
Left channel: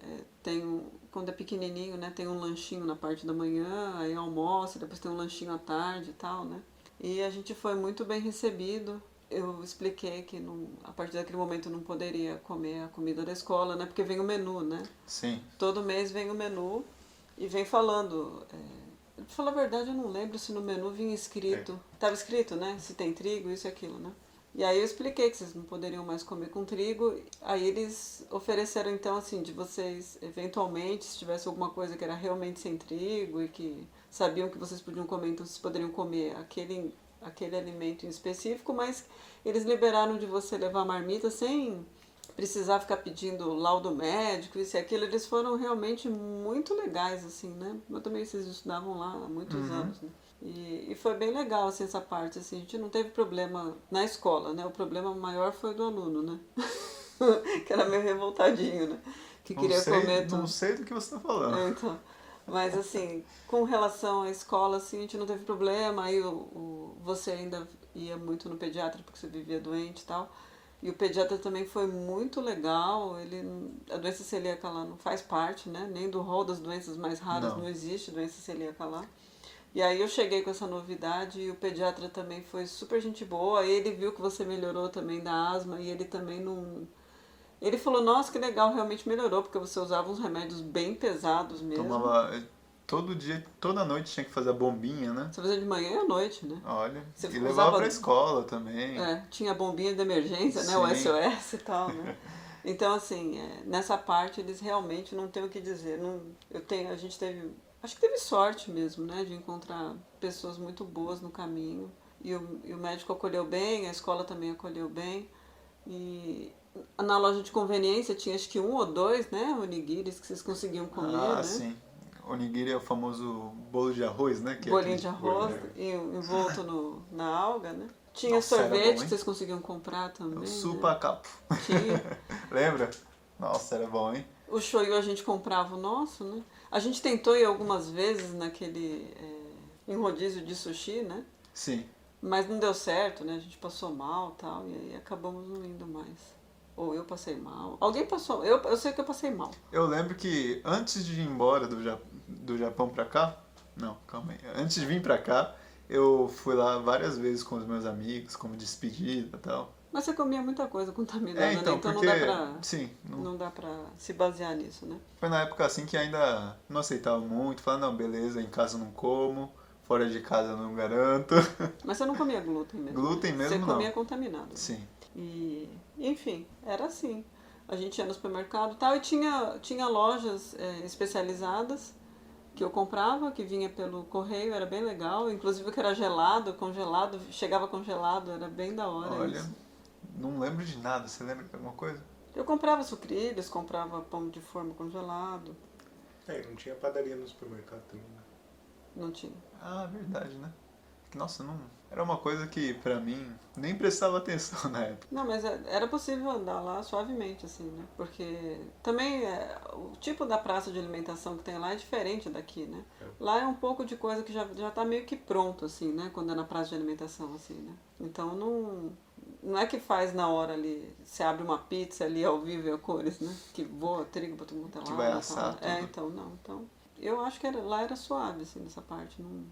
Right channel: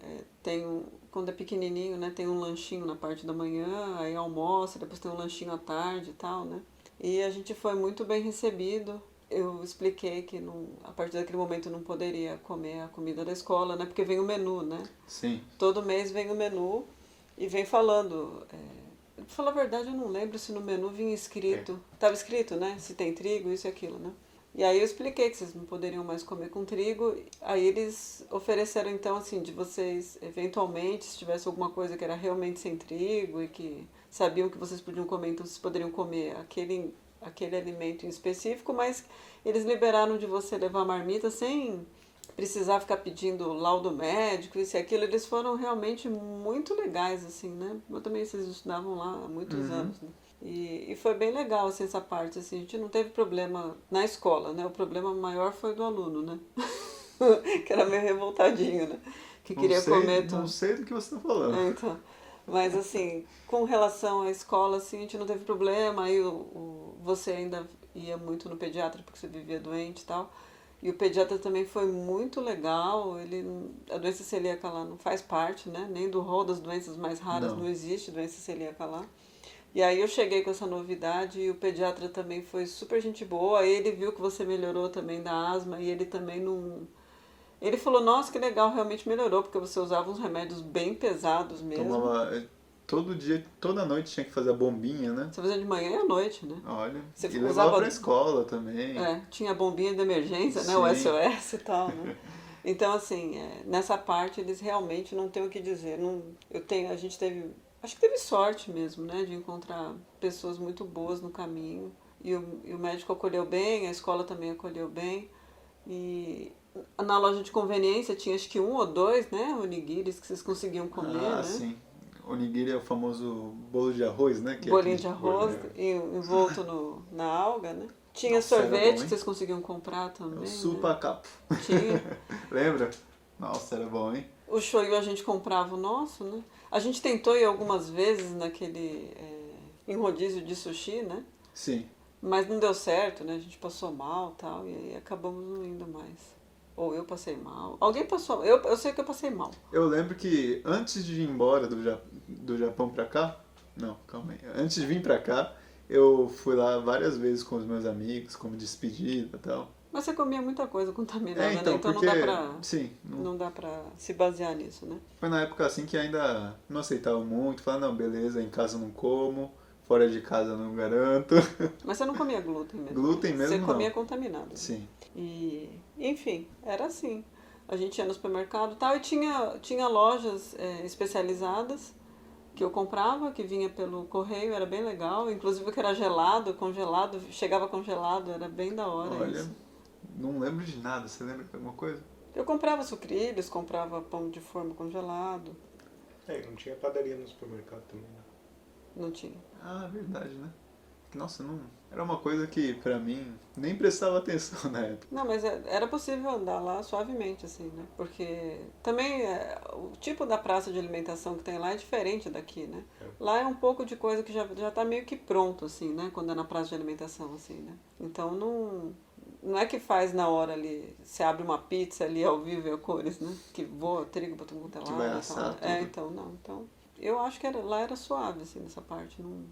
quando é pequenininho, né, tem um lanchinho na parte da manhã, aí almoça, depois tem um lanchinho à tarde e tal, né? E a gente foi muito bem recebido. Eu expliquei que a partir daquele momento eu não poderia comer a comida da escola, né? Porque vem o menu, né? Sim. Todo mês vem o menu e vem falando. Pra falar a verdade, eu não lembro se no menu vinha escrito. Estava escrito, né? Se tem trigo, isso e aquilo, né? E aí eu expliquei que vocês não poderiam mais comer com trigo. Aí eles ofereceram então assim, de vocês, eventualmente, se tivesse alguma coisa que era realmente sem trigo e que sabiam que vocês podiam comer, então vocês poderiam comer aquele alimento em específico, mas eles liberaram de você levar marmita sem precisar ficar pedindo laudo médico, isso e aquilo. Eles foram realmente muito legais, assim, né? Eu também, vocês estudavam lá há muitos anos, né? E foi bem legal, assim, essa parte, assim, a gente não teve problema na escola, né? O problema maior foi do aluno, né? Que era meio revoltadinho, né? Que Não queria sei, comer não tudo. sei do que você está falando. Então, mas assim, com relação à escola, assim, a gente não teve problema, aí você ainda ia muito no pediatra porque você vivia doente e tal. E o pediatra também foi muito legal, a doença celíaca lá não faz parte, né? Nem do rol das doenças mais raras, não Não. existe doença celíaca lá. E aí eu cheguei com essa novidade e o pediatra também foi super gente boa. Ele viu que você melhorou também da asma e ele também não. Ele falou, nossa, que legal, realmente melhorou, porque você usava uns remédios bem pesados mesmo. Tomava todo dia, toda noite tinha que fazer a bombinha, né? Você fazia de manhã e à noite, né? Olha. Você E levava usava. pra escola também. Tinha a bombinha de emergência, né? O Sim. SOS e tal, né? Então, assim, nessa parte eles realmente não têm o que dizer. Não, a gente teve. Acho que teve sorte mesmo, né? De encontrar pessoas muito boas no caminho. E o médico acolheu bem, a escola também acolheu bem. E na loja de conveniência tinha acho que um ou dois, né? Onigiris que vocês conseguiam comer, né? Sim. Onigiri é o famoso bolo de arroz, né? Que é Bolinho aquele... de arroz envolto na alga, né? Tinha Nossa, era bom, sorvete hein? que vocês conseguiam comprar também. O Né? supacapo. Tinha. Lembra? Nossa, era bom, hein? O shoyu a gente comprava o nosso, né? A gente tentou ir algumas vezes naquele em rodízio de sushi, né? Sim. Mas não deu certo, né? A gente passou mal e tal, e aí acabamos não indo mais. Ou eu passei mal. Alguém passou. Eu sei que eu passei mal. Eu lembro que antes de ir embora do Japão pra cá... Não, calma aí. Antes de vir pra cá, eu fui lá várias vezes com os meus amigos, como despedida e tal. Mas você comia muita coisa contaminada, né? Então, Então porque... não dá pra. Sim, Não dá pra se basear nisso, né? foi na época assim que ainda não aceitava muito. Falava, não, beleza, em casa não como, fora de casa não garanto. Mas você não comia glúten mesmo. Glúten né? mesmo, Você comia não. contaminado. Né? Sim. E, enfim, era assim. A gente ia no supermercado e tal, e tinha lojas especializadas que eu comprava, que vinha pelo correio, era bem legal. Inclusive que era gelado, congelado, chegava congelado, era bem da hora Olha, isso. não lembro de nada. Você lembra de alguma coisa? Eu comprava sucrilhos, comprava pão de forma congelado. Não tinha padaria no supermercado também, né? Não tinha. Ah, verdade, né? Nossa, não... Era uma coisa que, pra mim, nem prestava atenção na época. Não, mas era possível andar lá suavemente, assim, né? Porque também o tipo da praça de alimentação que tem lá é diferente daqui, né? Lá é um pouco de coisa que já tá meio que pronto, assim, né? Quando é na praça de alimentação, assim, né? Então não é que faz na hora ali, você abre uma pizza ali ao vivo e a cores, né? Que voa trigo pra todo mundo Que vai assar tudo. Então, não. Então, eu acho que lá era suave, assim, nessa parte. Não...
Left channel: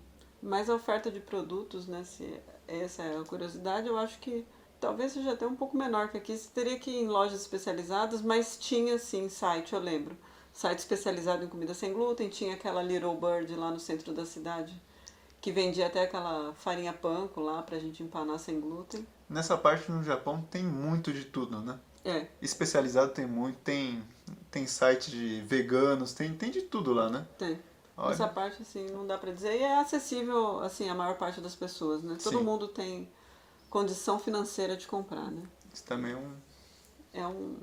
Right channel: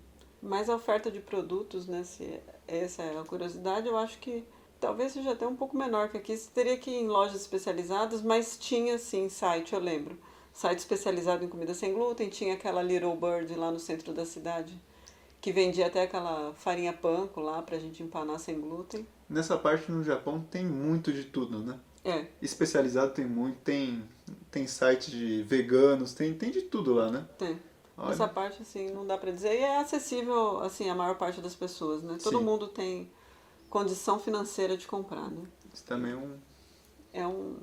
Mas a oferta de produtos, né? Se essa é a curiosidade, eu acho que talvez seja até um pouco menor que aqui. Você teria que ir em lojas especializadas, mas tinha, sim, site, eu lembro. Site especializado em comida sem glúten. Tinha aquela Little Bird lá no centro da cidade, que vendia até aquela farinha panko lá pra gente empanar sem glúten. Nessa parte no Japão tem muito de tudo, né? Especializado tem muito, tem site de veganos, tem de tudo lá, né? Tem. Olha. Essa parte, assim, não dá pra dizer. E é acessível, assim, a maior parte das pessoas, né? Todo Sim. mundo tem condição financeira de comprar, né? Isso também É um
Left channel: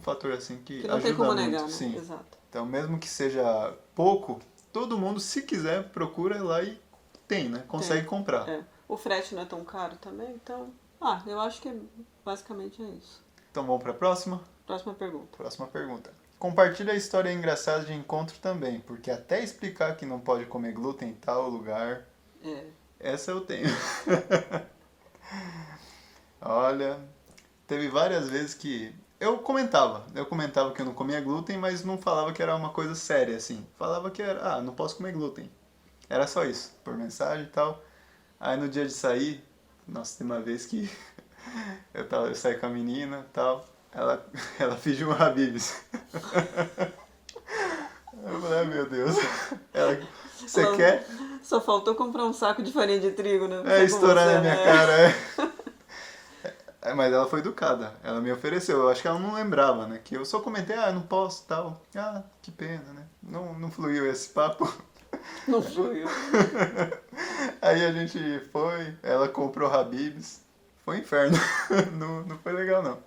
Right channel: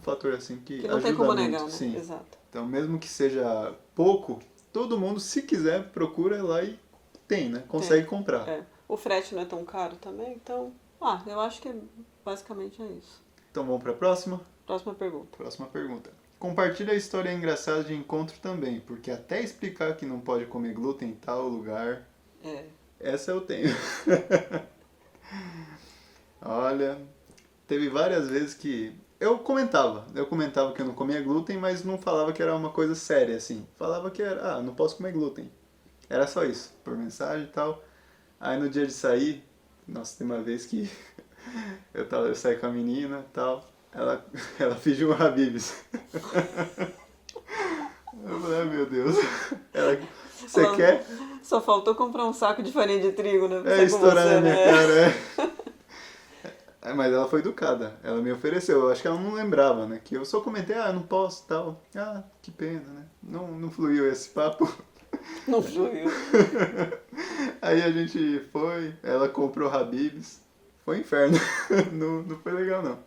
fator assim que não ajuda tem como muito. negar, né? Sim. Exato. Então, mesmo que seja pouco, todo mundo, se quiser, procura lá e tem, né? Consegue comprar. O frete não é tão caro também, então... eu acho que basicamente é isso. Então vamos para a próxima? Próxima pergunta. Próxima pergunta. Compartilha a história engraçada de encontro também, porque até explicar que não pode comer glúten em tal lugar, É. essa eu tenho. Olha, teve várias vezes que eu comentava que eu não comia glúten, mas não falava que era uma coisa séria, assim. Falava que era, não posso comer glúten. Era só isso, por mensagem e tal. Aí no dia de sair, nossa, tem uma vez que eu saí com a menina e tal, ela pediu um Habib's. Eu falei, ai meu Deus. Você Ela- quer? Só faltou comprar um saco de farinha de trigo, né? Não sei como Estourar você, na minha né? cara, mas ela foi educada, ela me ofereceu, eu acho que ela não lembrava, né? Que eu só comentei, eu não posso tal. Que pena, né? Não fluiu esse papo. Não fui eu. Aí a gente foi, ela comprou Habib's, foi um inferno, não foi legal não.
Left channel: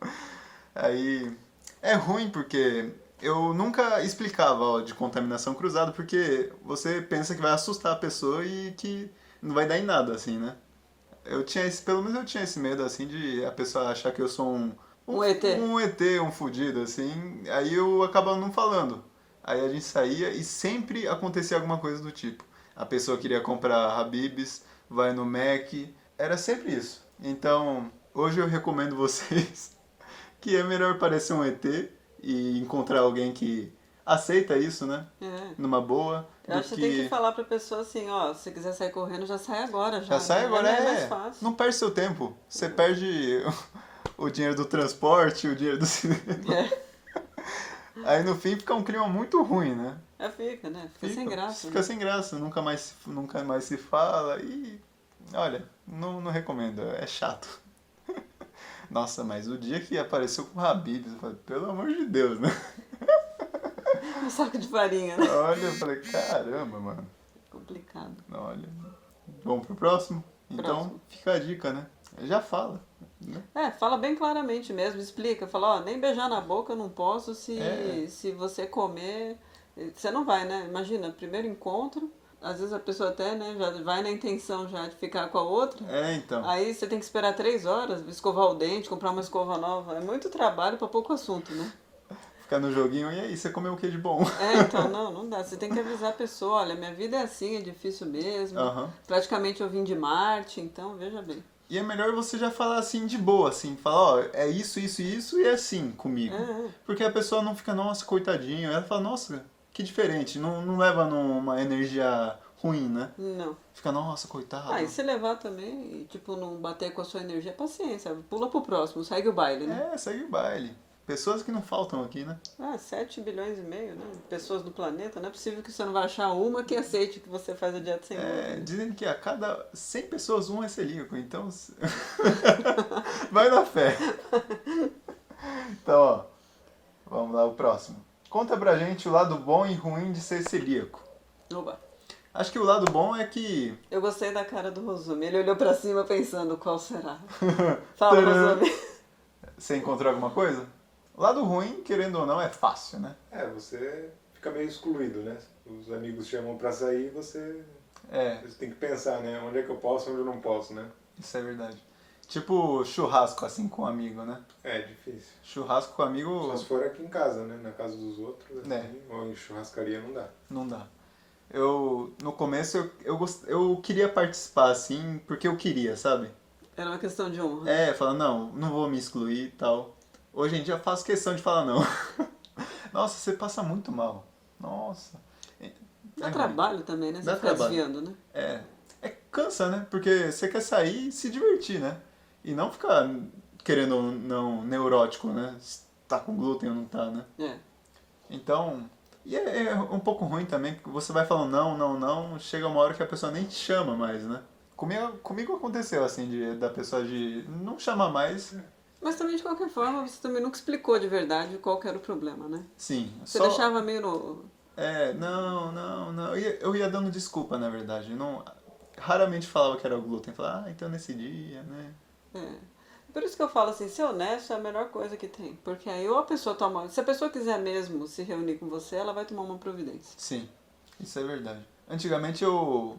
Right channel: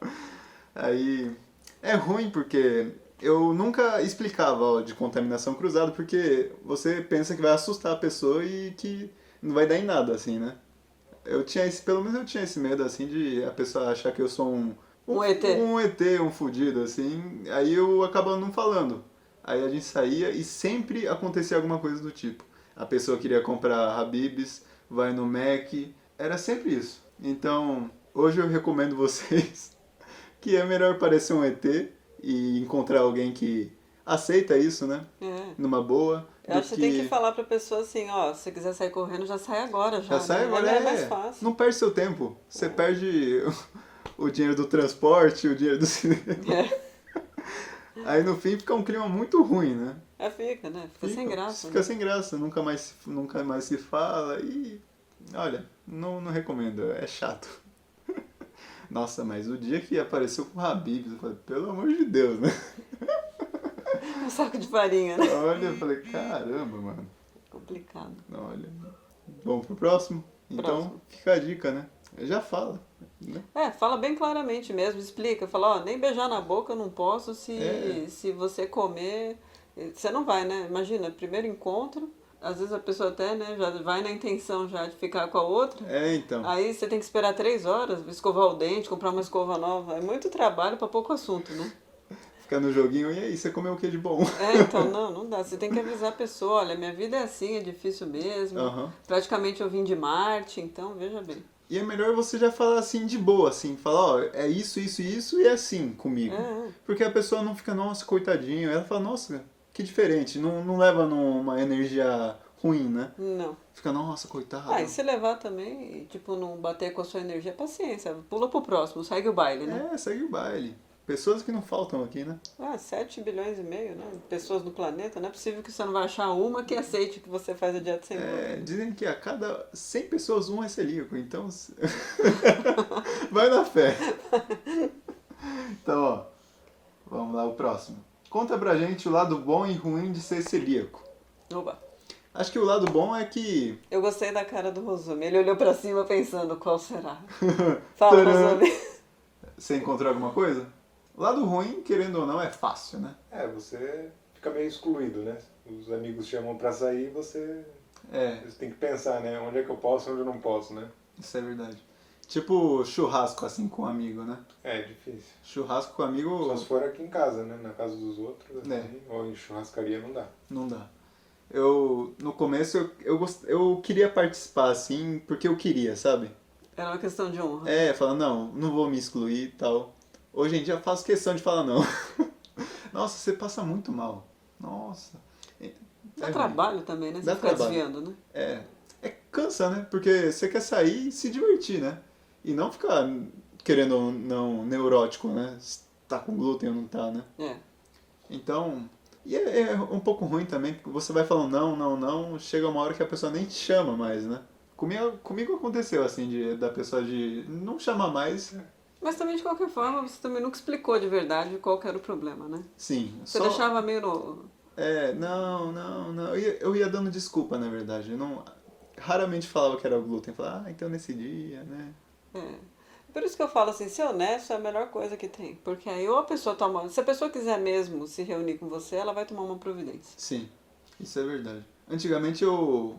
Aí é ruim porque eu nunca explicava de contaminação cruzada, porque você pensa que vai assustar a pessoa e que não vai dar em nada, assim, né? Pelo menos eu tinha esse medo, assim, de a pessoa achar que eu sou Um ET. um ET, um fudido, assim. Aí eu acabava não falando. Aí a gente saía e sempre acontecia alguma coisa do tipo. A pessoa queria comprar Habib's, vai no Mac, era sempre isso. Então, hoje eu recomendo vocês que é melhor parecer um ET e encontrar alguém que aceita isso, né? É. Numa boa, Eu do acho que você tem que que... falar pra pessoa assim, ó, se você quiser sair correndo, já sai agora, já. Já sai né? agora, É mais fácil. não perde seu tempo. Você perde o dinheiro do transporte, o dinheiro do cinema. É. Aí no fim fica um clima muito ruim, né? Fica, né? Fica sem graça. Fica Né? sem graça, nunca mais se fala e... Olha, não recomendo, é chato. Nossa, mas o dia que apareceu com o Habib's, eu falei, pelo amor de Deus, né? Um saco de farinha, né? Olha, eu falei, caramba, mano. Complicado. Olha, vamos pro próximo? Então, Próximo. fica a dica, né? Já fala, né? Fala bem claramente mesmo, explica. Fala, ó, nem beijar na boca eu não posso se você comer. Você não vai, né? Imagina, primeiro encontro, às vezes a pessoa até, né, já vai na intenção já de ficar com a outra. Então. Aí você tem que esperar 3 horas, escovar o dente, comprar uma escova nova. É muito trabalho para pouco assunto, né? Ficar no joguinho, e aí, você comeu o que de bom? Então, não dá. Você tem que avisar a pessoa, olha, minha vida é assim, é difícil mesmo. Aham. Praticamente eu vim de Marte, então veja bem. E é melhor você já falar assim de boa, assim, falar, ó, é isso e é assim comigo. Porque a pessoa não fica, nossa, coitadinho. Ela fala, nossa, que diferente. Não leva numa energia ruim, né? Não. Fica, nossa, coitado. E se levar também, e, tipo, não bater com a sua energia, paciência, pula pro próximo, segue o baile, né? Segue o baile. Pessoas que não faltam aqui, né? 7 bilhões e meio, né? Pessoas no planeta, não é possível que você não vai achar uma que aceite que você faz a dieta sem glúten. Dizem que a cada 100 pessoas, um é celíaco, então... Vai na fé. Então, ó, vamos lá, o próximo. Conta pra gente o lado bom e ruim de ser celíaco. Oba. Acho que o lado bom é que... Eu gostei da cara do Rosumi. Ele olhou pra cima pensando, qual será? Fala, Tcharam! Rosumi. Você encontrou alguma coisa? O lado ruim, querendo ou não, é fácil, né? Você fica meio excluído, né? Os amigos chamam pra sair, você tem que pensar, né? Onde é que eu posso, onde eu não posso, né? Isso é verdade. Tipo churrasco, assim, com um amigo, né? É difícil. Churrasco com amigo... Só se for aqui em casa, né? Na casa dos outros, assim, ou em churrascaria não dá. Não dá. No começo, eu queria participar, assim, porque eu queria, sabe? Era uma questão de honra. Falar, não vou me excluir e tal. Hoje em dia eu faço questão de falar não. Nossa, você passa muito mal. Nossa. Dá trabalho também, né? Você Dá ficar trabalho. desviando, né? Cansa, né? Porque você quer sair e se divertir, né? E não ficar querendo não neurótico, né? Se tá com glúten ou não tá, né? Então... E é um pouco ruim também, que você vai falando não, chega uma hora que a pessoa nem te chama mais, né? Comigo aconteceu, assim, da pessoa de não chamar mais. Mas também, de qualquer forma, você também nunca explicou de verdade qual que era o problema, né? Sim. Você deixava meio no... Não. Eu ia dando desculpa, na verdade. Eu raramente falava que era o glúten. Falava, então nesse dia, né? Por isso que eu falo assim, ser honesto é a melhor coisa que tem. Porque aí ou a pessoa toma... Se a pessoa quiser mesmo se reunir com você, ela vai tomar uma providência. Sim, isso é verdade. Antigamente eu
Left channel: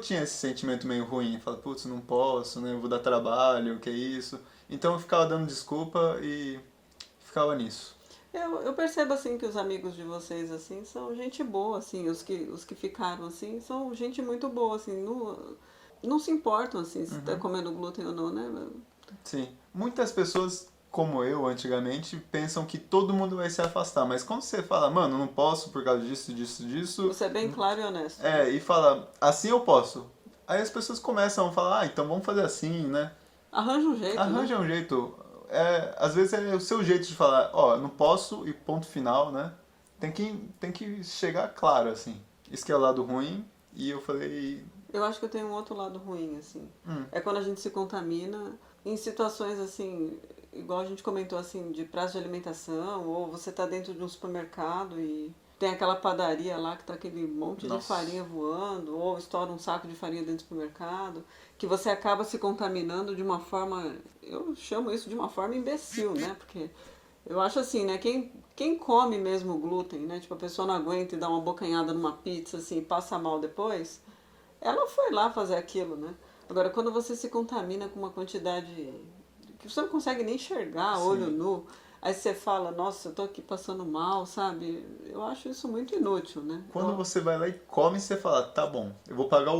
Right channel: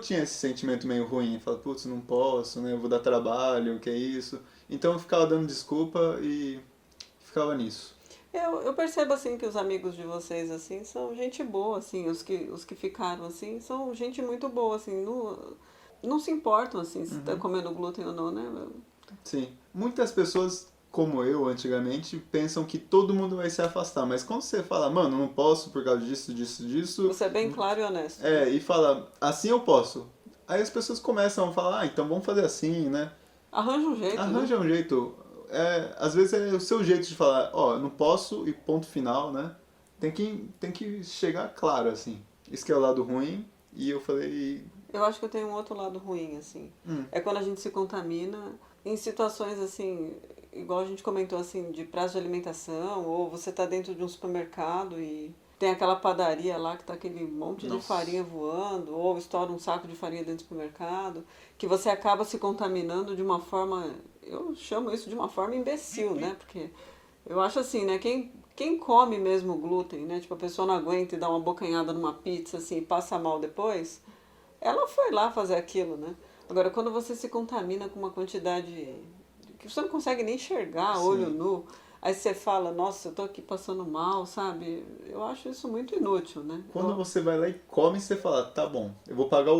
tinha esse sentimento meio ruim. Falava, putz, não posso, né? Eu vou dar trabalho, o que é isso? Então eu ficava dando desculpa e ficava nisso. Eu percebo, assim, que os amigos de vocês, assim, são gente boa, assim, os que ficaram, assim, são gente muito boa, assim, não se importam, assim, se tá comendo glúten ou não, né? Sim. Muitas pessoas, como eu antigamente, pensam que todo mundo vai se afastar. Mas quando você fala, mano, não posso por causa disso, disso, disso. Você é bem claro e honesto. E fala, assim eu posso. Aí as pessoas começam a falar, então vamos fazer assim, né? Arranja um jeito, Arranja né? um jeito. Às vezes é o seu jeito de falar, ó, não posso e ponto final, né? Tem que chegar claro, assim. Isso que é o lado ruim. E eu falei, Eu acho que eu tenho um outro lado ruim, assim. É quando a gente se contamina em situações, assim, igual a gente comentou, assim, de prazo de alimentação, ou você tá dentro de um supermercado e tem aquela padaria lá que tá aquele monte de Nossa. farinha voando, ou estoura um saco de farinha dentro do supermercado, que você acaba se contaminando de uma forma, eu chamo isso de uma forma imbecil, né? Porque eu acho assim, né? Quem come mesmo glúten, né? Tipo, a pessoa não aguenta e dá uma bocanhada numa pizza, assim, e passa mal depois, ela foi lá fazer aquilo, né? Agora, quando você se contamina com uma quantidade que você não consegue nem enxergar, olho Sim. nu, aí você fala, nossa, eu tô aqui passando mal, sabe? Eu acho isso muito inútil, né? quando você vai lá e come, você fala, tá bom, eu vou pagar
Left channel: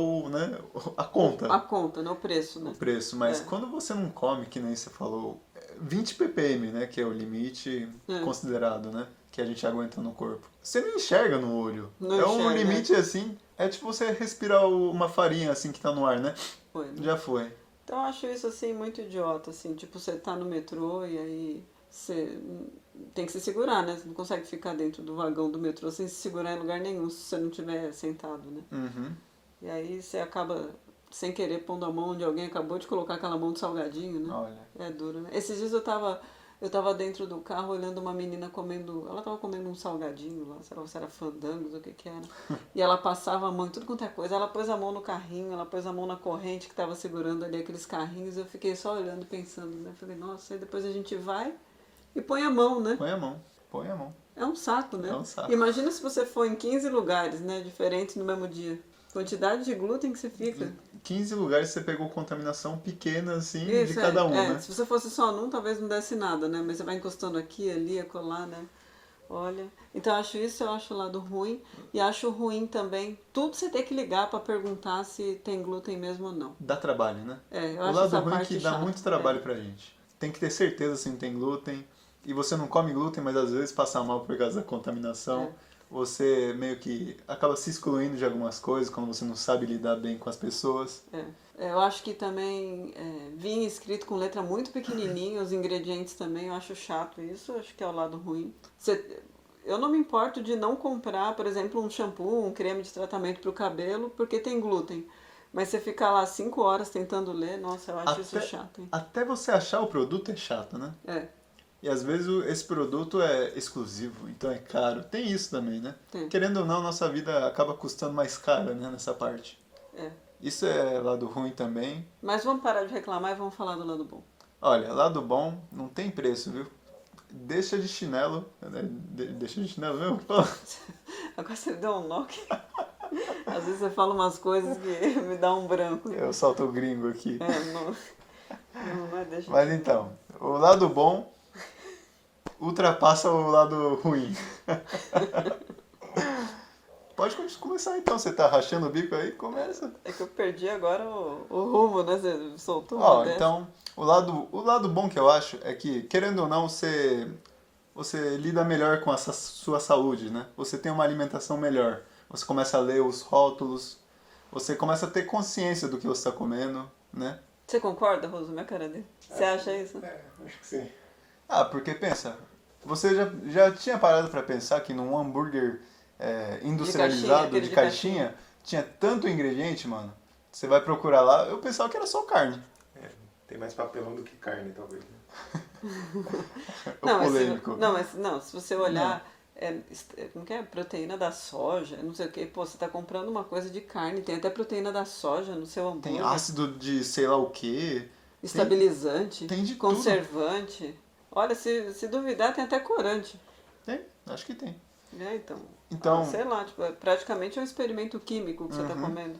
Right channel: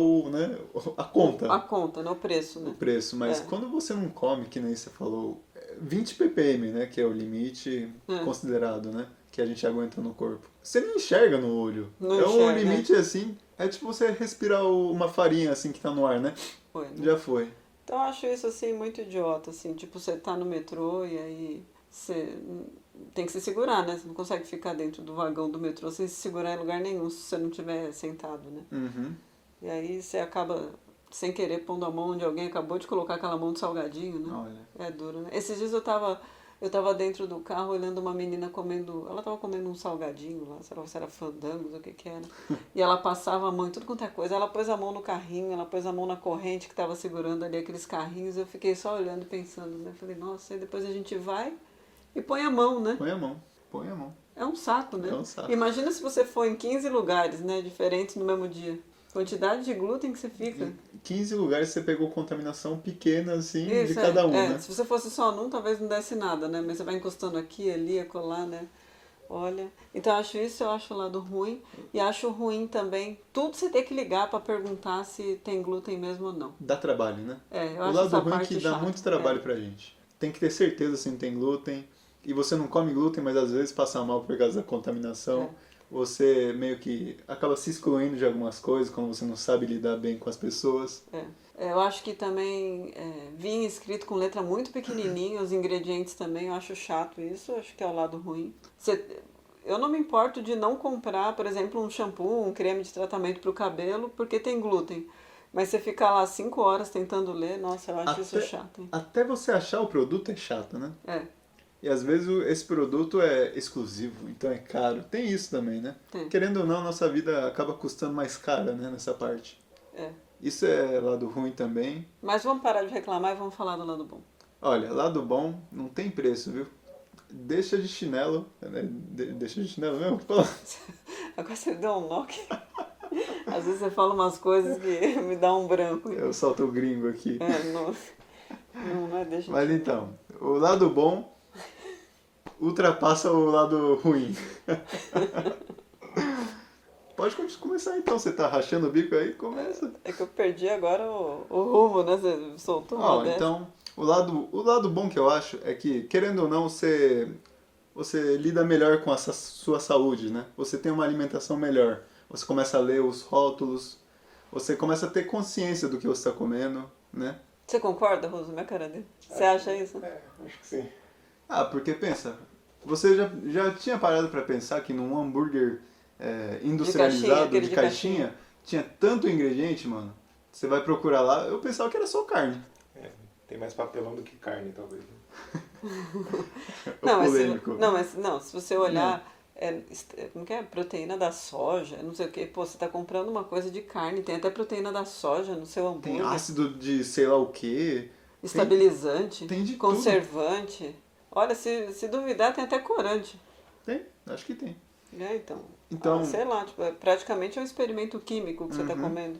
a conta, A conta, né? O preço, o né? preço. Mas É. quando você não come, que nem você falou, 20 ppm, né? Que é o limite É. considerado, né? Que a gente aguenta no corpo. Você não enxerga no olho. Não É um enxerga, limite assim, é tipo você respirar uma farinha assim que tá no ar, né? Foi, né? Já foi. Então eu acho isso assim muito idiota, assim, tipo, você tá no metrô e aí você tem que se segurar, né? Você não consegue ficar dentro do vagão do metrô sem se segurar em lugar nenhum se você não estiver sentado, né? Uhum. E aí você acaba sem querer pondo a mão onde alguém acabou de colocar aquela mão de salgadinho, né? Olha. É duro, né? Esses dias eu tava dentro do carro olhando uma menina comendo. Ela tava comendo um salgadinho lá, sei lá se era fandangos ou o que que era. E ela passava a mão em tudo quanto é coisa. Ela pôs a mão no carrinho, ela pôs a mão na corrente que tava segurando ali aqueles carrinhos. Eu fiquei só olhando, pensando, né? Falei, nossa, aí depois a gente vai e põe a mão, né? Põe a mão. Põe a mão. É um saco, né? É um saco. Imagina se você for em 15 lugares, né? Diferentes no mesmo dia. Quantidade de glúten que você fica. Em 15 lugares você pegou contaminação pequena, assim, de Isso, cada um, né? Se você fosse só num, talvez não desse nada, né? Mas você vai encostando aqui, ali, acolá, né? Olha. Então eu acho o lado ruim. E acho ruim também tudo você ter que ligar pra perguntar se tem glúten mesmo ou não. Dá trabalho, né? Eu O acho lado essa ruim é parte que dá chata. muito trabalho pra gente. Tem que ter certeza se não tem glúten. E você não come glúten, mas às vezes passa mal por causa da contaminação. Você meio que acaba se excluindo de algumas coisas quando você não sabe lidar bem com as pessoas. Eu acho que também vinha escrito com letra muito pequenininha, os ingredientes também, eu acho chato isso, acho que é o lado ruim. Eu não me importo de não comprar, por exemplo, um shampoo, um creme de tratamento para o cabelo, porque tem glúten. Mas você ficar lá 5 horas tentando ler, nossa, eu acho isso chato, hein? Até você achar o produto é chato, né? E às vezes esse produto é exclusivo, então é caro. Tem isso também, né? Tem. Querendo ou não, nossa vida acaba custando mais cara, né, nessa parte. Isso é lado ruim também. Mas vamos parar de reclamar e vamos falar do lado bom. Olha, lado bom não tem preço, viu? Deixa de chinelo. Né? Deixa de chinelo mesmo? Agora você deu um nó. Às vezes você fala umas coisas que me dá um branco. Eu solto o gringo aqui. Não é deixa de Mas então, o lado bom ultrapassa o lado ruim. Pode começar então, você tá rachando o bico aí? Começa. É que eu perdi agora o rumo, né? Você soltou uma dessa. Então, o lado bom que eu acho é que, querendo ou não, você lida melhor com a sua saúde, né? Você tem uma alimentação melhor. Você começa a ler os rótulos, você começa a ter consciência do que você está comendo, né? Você concorda, Roso? Minha cara dele. Você acha isso? Acho que sim. Porque pensa, você já tinha parado para pensar que num hambúrguer industrializado, de caixinha, tinha tanto ingrediente, mano? Você vai procurar lá, eu pensava que era só carne. Tem mais papelão do que carne, talvez. Não, se você olhar, como que é? Proteína da soja, não sei o que, pô, você tá comprando uma coisa de carne, tem até proteína da soja no seu hambúrguer. Tem ácido de sei lá o que. Estabilizante, tem de conservante. Tudo. Olha, se duvidar, tem até corante. Tem, acho que tem. Então sei lá, tipo, praticamente é um experimento químico que você tá comendo.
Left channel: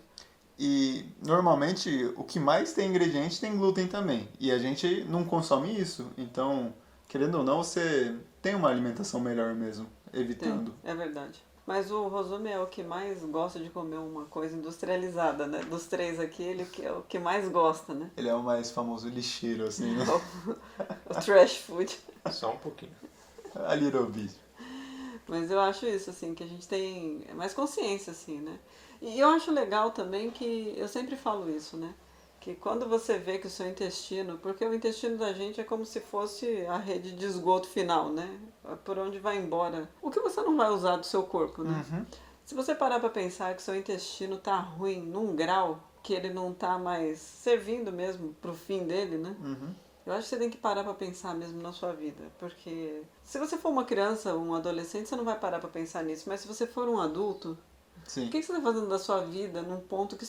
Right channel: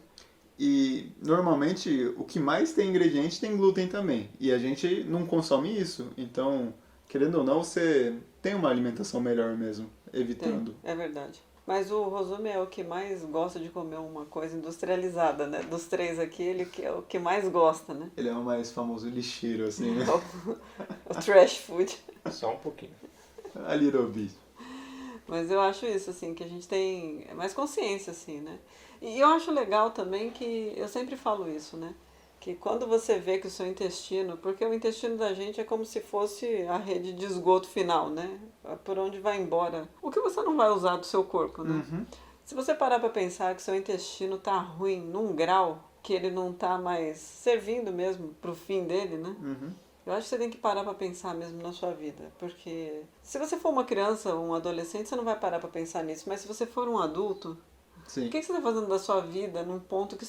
E normalmente o que mais tem ingrediente tem glúten também. E a gente não consome isso. Então, querendo ou não, você tem uma alimentação melhor mesmo, evitando. É verdade. Mas o Rosumi é o que mais gosta de comer uma coisa industrializada, né? Dos três aqui, ele que é o que mais gosta, né? Ele é o mais famoso lixeiro, assim, né? O trash food. Só um pouquinho. A little bit. Mas eu acho isso, assim, que a gente tem mais consciência, assim, né? E eu acho legal também que, eu sempre falo isso, né? Que quando você vê que o seu intestino, porque o intestino da gente é como se fosse a rede de esgoto final, né? Por onde vai embora. O que você não vai usar do seu corpo, né? Uhum. Se você parar pra pensar que seu intestino tá ruim num grau que ele não tá mais servindo mesmo pro fim dele, né? Uhum. Eu acho que você tem que parar pra pensar mesmo na sua vida, porque se você for uma criança ou um adolescente, você não vai parar pra pensar nisso, mas se você for um adulto, Sim. o que você está fazendo da sua vida num ponto que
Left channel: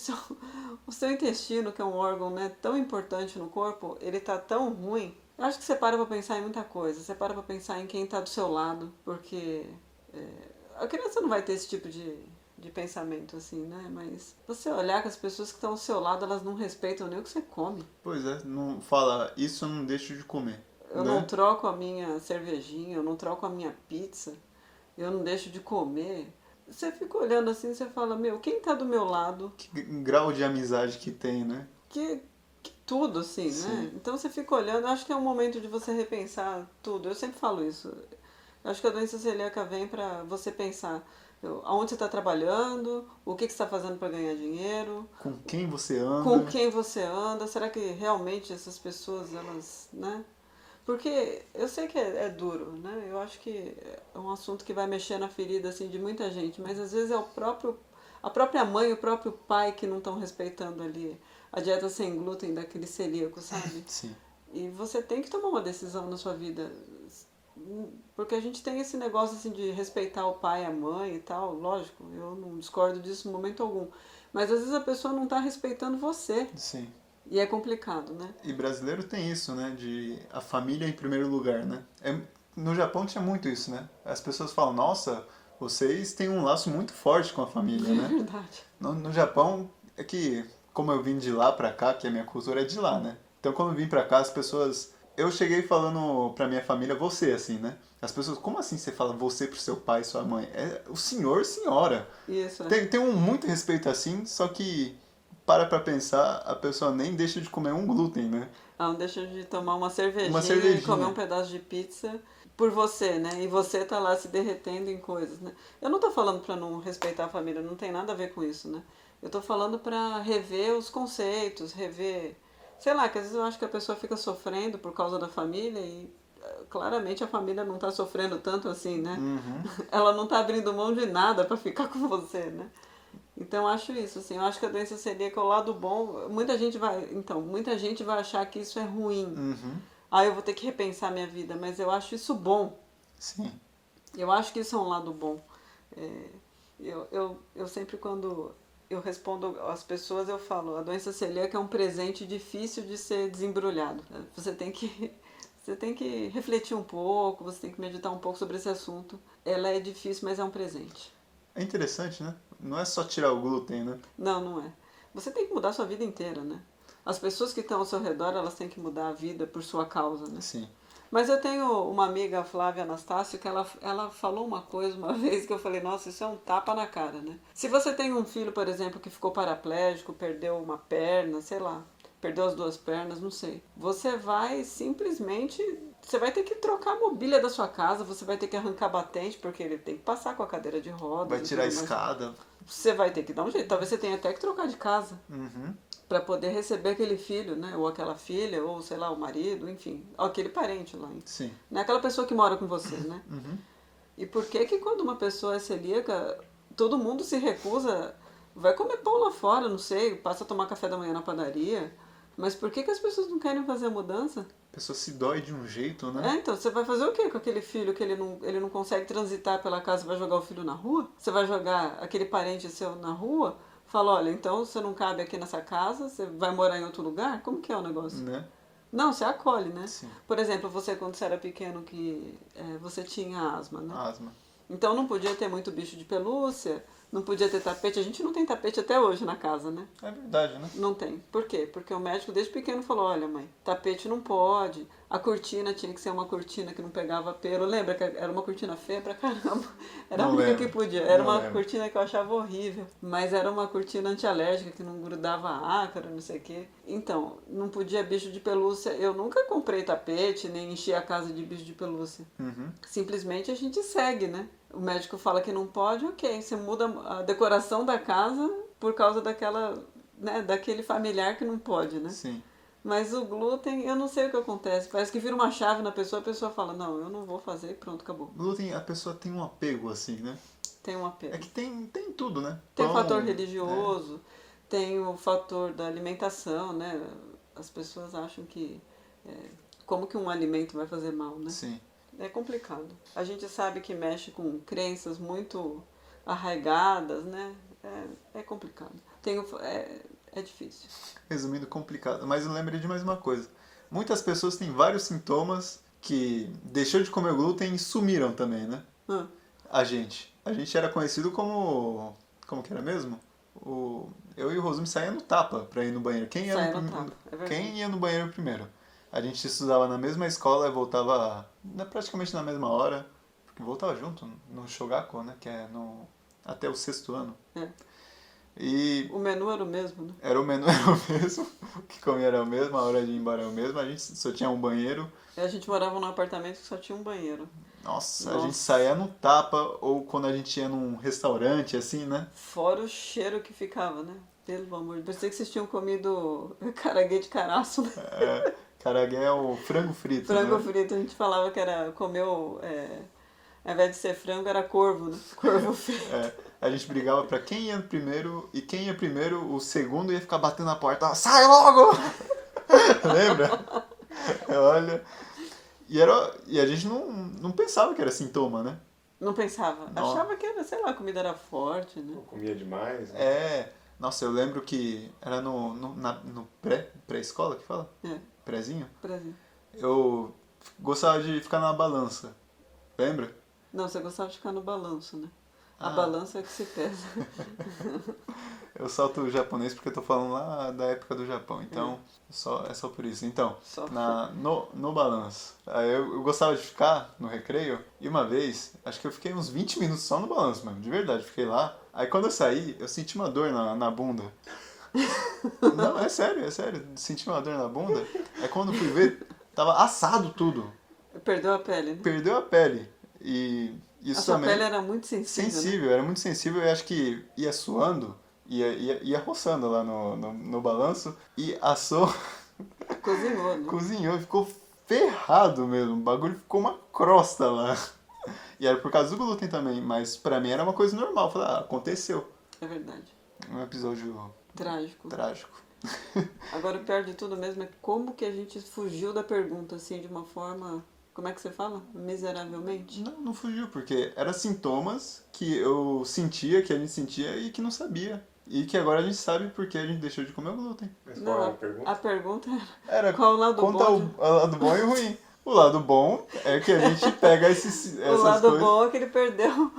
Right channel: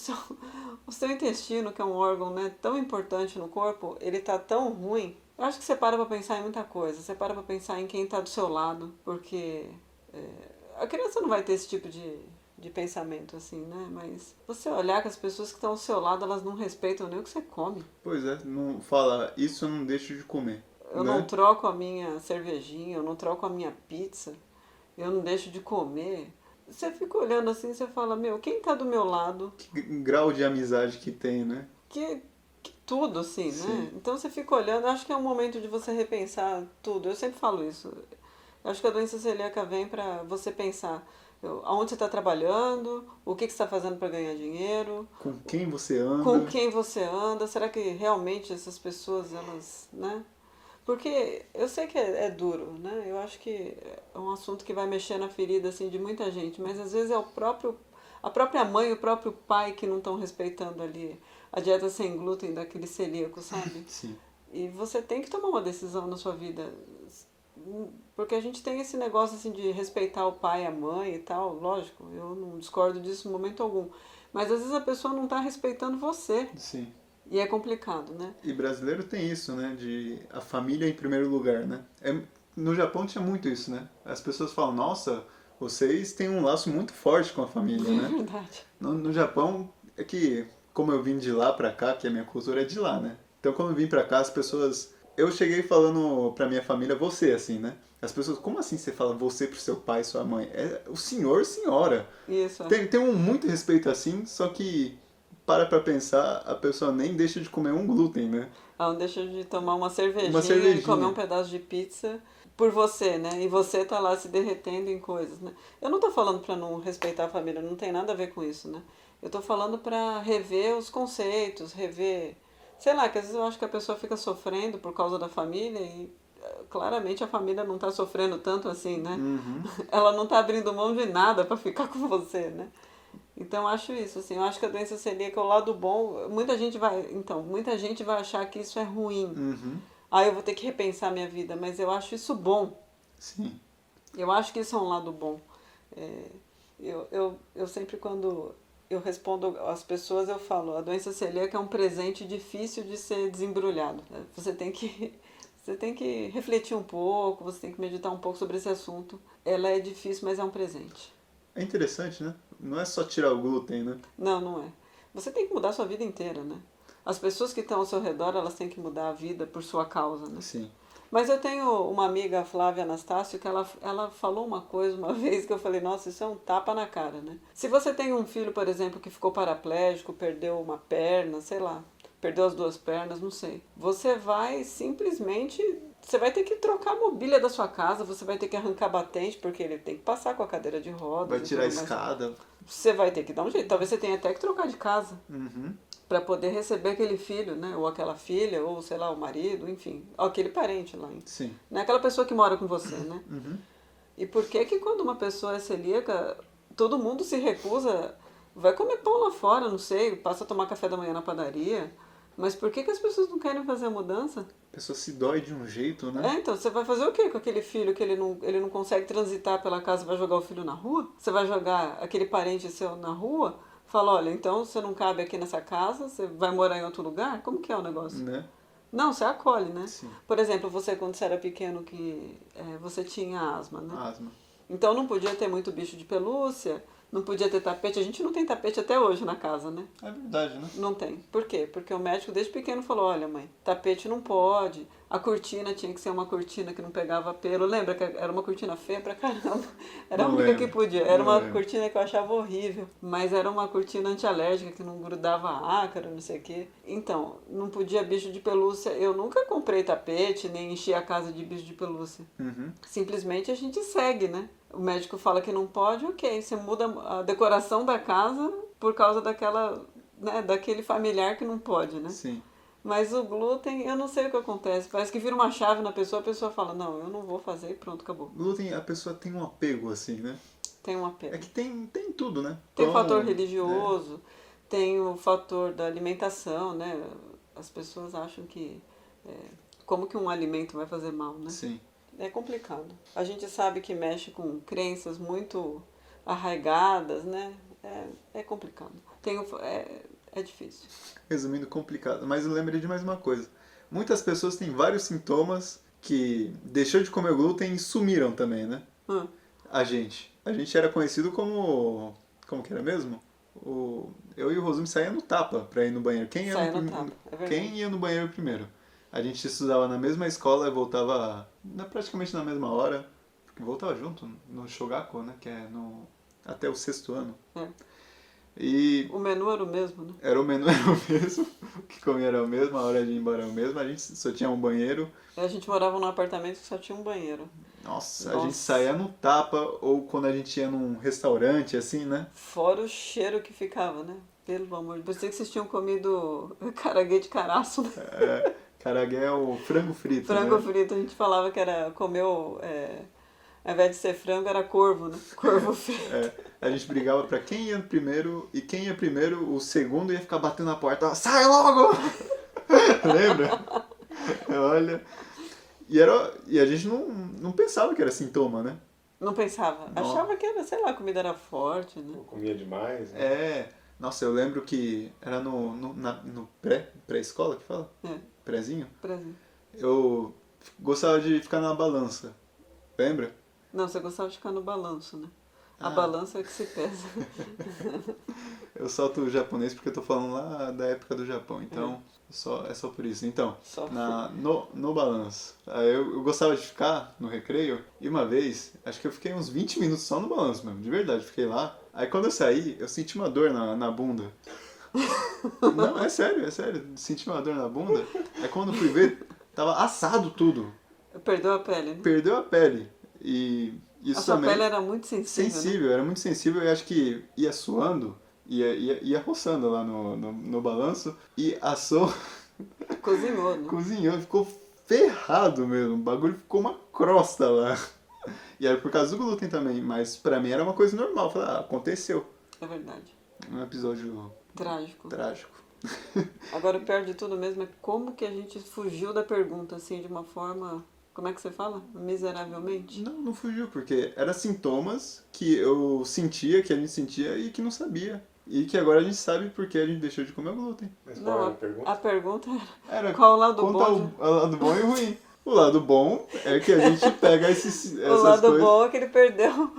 o seu intestino, que é um órgão, né, tão importante no corpo, ele tá tão ruim? Eu acho que você para pra pensar em muita coisa, você para pra pensar em quem tá do seu lado, porque a criança não vai ter esse tipo de pensamento assim, né? Mas você olhar que as pessoas que estão ao seu lado, elas não respeitam nem o que você come. Pois é, não fala, isso eu não deixo de comer. Eu né? não troco a minha cervejinha, eu não troco a minha pizza, eu não deixo de comer. Você fica olhando assim e você fala, meu, quem tá do meu lado? Que grau de amizade que tem, né? Que tudo, assim, né? Sim. Então você fica olhando, acho que é um momento de você repensar tudo. Eu sempre falo isso. Eu acho que a doença celíaca vem pra você pensar aonde você está trabalhando, o que você está fazendo para ganhar dinheiro, Com quem você anda. com quem você anda, será que realmente essas pessoas, elas, né? Porque eu sei que é duro, né? Eu acho que é um assunto que vai mexer na ferida, assim, de muita gente, mas às vezes é a própria mãe e o próprio pai que não estão respeitando ali a dieta sem glúten daquele celíaco, sabe? Sim. E você tem que tomar uma decisão na sua vida. Porque a gente tem esse negócio assim de respeitar o pai, a mãe e tal, lógico, eu não discordo disso em momento algum. Mas às vezes a pessoa não está respeitando você. Sim. E é complicado, né? E brasileiro tem isso, né? De a família em primeiro lugar, né? No Japão tinha muito isso, né? As pessoas falam, nossa, vocês têm um laço muito forte com a família, É né? verdade. No Japão, é que, como eu vim de lá pra cá, que a minha cultura é de lá, né? Então, quando eu vim pra cá, as pessoas... Eu cheguei falando pra minha família você, assim, né? As pessoas, como assim você fala você pro seu pai e sua mãe? É o senhor e senhora. Isso, é. Tem um muito respeito assim, só que pra pensar, a pessoa nem deixa de comer um glúten, né? Ela não deixa de tomar uma cervejinha cervejinha. e comer um pedaço de pizza por você, né? E você tá lá se derretendo em coisas, né? Eu não tô falando pra não respeitar a família, não tem nada a ver com isso, né? Eu tô falando pra rever os conceitos, rever... Sei lá, que às vezes eu acho que a pessoa fica sofrendo por causa da família e claramente a família não tá sofrendo tanto assim, né? Uhum. Ela não tá abrindo mão de nada pra ficar com você, né? Então eu acho isso, assim, eu acho que a doença celíaca é o lado bom. Muita gente vai achar que isso é ruim. Uhum. Ah, eu vou ter que repensar minha vida, mas eu acho isso bom. Sim. Eu acho que isso é um lado bom. Eu sempre quando eu respondo às pessoas, eu falo, a doença celíaca é um presente difícil de ser desembrulhado. Você tem que refletir um pouco, você tem que meditar um pouco sobre esse assunto. Ela é difícil, mas é um presente. É interessante, né? Não é só tirar o glúten, né? Não, não é. Você tem que mudar a sua vida inteira, né? As pessoas que estão ao seu redor, elas têm que mudar a vida por sua causa, né? Sim. Mas eu tenho uma amiga, a Flávia Anastácio, que ela falou uma coisa uma vez que eu falei, nossa, isso é um tapa na cara, né? Se você tem um filho, por exemplo, que ficou paraplégico, perdeu uma perna, sei lá, perdeu as duas pernas, não sei. Você vai ter que trocar a mobília da sua casa, você vai ter que arrancar batente, porque ele tem que passar com a cadeira de rodas. Vai tirar a tudo mais. escada. Você vai ter que dar um jeito. Talvez você tenha até que trocar de casa. Uhum. Para poder receber aquele filho, né? Ou aquela filha, ou sei lá, o marido, enfim. Aquele parente lá. Sim. Não é aquela pessoa que mora com você, né? Uhum. E por que quando uma pessoa é celíaca, todo mundo se recusa, vai comer pão lá fora, não sei, passa a tomar café da manhã na padaria. Mas por que as pessoas não querem fazer a mudança? A pessoa se dói de um jeito, né? Então, você vai fazer o quê com aquele filho que ele não consegue transitar pela casa e vai jogar o filho na rua? Você vai jogar aquele parente seu na rua? Fala, olha, então você não cabe aqui nessa casa, você vai morar em outro lugar? Como que é o negócio? Né? Não, você acolhe, né? Sim. Por exemplo, você quando você era pequeno que você tinha asma, né? Asma. Então não podia ter muito bicho de pelúcia, não podia ter tapete. A gente não tem tapete até hoje na casa, né? É verdade, né? Não tem. Por quê? Porque o médico desde pequeno falou, olha mãe, tapete não pode, A cortina tinha que ser uma cortina que não pegava pelo. Lembra que era uma cortina feia pra caramba? Era a Não única lembro. que podia. Era Não uma lembro. cortina que eu achava horrível. Mas era uma cortina antialérgica que não grudava ácaro, não sei o quê. Então, não podia bicho de pelúcia. Eu nunca comprei tapete, nem enchi a casa de bicho de pelúcia. Uhum. Simplesmente a gente segue, né? O médico fala que não pode, ok. Você muda a decoração da casa por causa daquela, né, daquele familiar que não pode, né? Sim. Mas o glúten, eu não sei o que acontece. Parece que vira uma chave na pessoa, a pessoa fala, não, eu não vou fazer e pronto, acabou. Glúten, a pessoa tem um apego, assim, né? Tem um apego. É que tem tudo, né? Tem o Pão, fator religioso, tem o fator da alimentação, né? As pessoas acham que como que um alimento vai fazer mal, né? Sim. É complicado. A gente sabe que mexe com crenças muito arraigadas, né? É complicado. É difícil. Resumindo, complicado. Mas eu lembrei de mais uma coisa. Muitas pessoas têm vários sintomas que deixou de comer glúten e sumiram também, né? A gente era conhecido como... Como que era mesmo? Eu e o Rosumi saía no tapa pra ir no banheiro. Saía no tapa, é verdade. Quem ia no banheiro primeiro? A gente estudava na mesma escola e voltava praticamente na mesma hora. Porque voltava junto no Shogaku, né? Que é até o 6º ano. É. E O menu era o mesmo, né? o menu era o mesmo, o que comia era o mesmo, a hora de ir embora era o mesmo, a gente só tinha um banheiro. A gente morava num apartamento que só tinha um banheiro. Nossa, a gente saía no tapa, ou quando a gente ia num restaurante, assim, né? Fora o cheiro que ficava, né? Pelo amor de Deus. Pensei que vocês tinham comido caraguê de caraço, né? Caragué é o frango frito, Frango né? frito, a gente falava que comeu, ao invés de ser frango, era corvo, né? Corvo frito. A gente brigava pra quem ia primeiro, e quem ia primeiro, o segundo ia ficar batendo na porta, sai logo! Lembra? Olha... E a gente não pensava que era sintoma, né? Não pensava. Não. Achava que era, sei lá, a comida era forte, né? Eu comia demais, né? Nossa, eu lembro que era no pré-escola que fala? Prézinho? Brasil. Eu gostava de ficar na balança. Lembra? Não, você gostava de ficar no balanço, né? A balança é que se pesa. Eu solto o japonês porque eu tô falando lá da época do Japão, então é só por isso. Então, no balanço. Aí eu gostava de ficar no recreio, e uma vez, acho que eu fiquei uns 20 minutos só no balanço, mano, de verdade, fiquei lá. Aí quando eu saí, eu senti uma dor na bunda. Não, é sério, senti uma dor na bunda. Aí quando eu fui ver, tava assado tudo. Perdeu a pele, né? Perdeu a pele. E isso a sua também... pele era muito sensível, né? Era muito sensível, e acho que ia suando, ia roçando lá no balanço, e assou, Cozinhou, né? cozinhou, ficou ferrado mesmo, o bagulho ficou uma crosta lá. E era por causa do glúten também, mas pra mim era uma coisa normal, eu falei, aconteceu. É verdade. Um episódio Trágico. Agora, o pior de tudo mesmo é como que a gente fugiu da pergunta, assim, de uma forma... Como é que você fala? Miseravelmente? Não fugiu, porque eram sintomas que eu sentia, que a gente sentia e que não sabia. E que agora a gente sabe porque a gente deixou de comer o glúten. Mas qual era a pergunta? A pergunta Era qual o lado conta bom? o lado bom e o ruim. O lado bom é que a gente pega essas O lado coisas... bom é que ele perdeu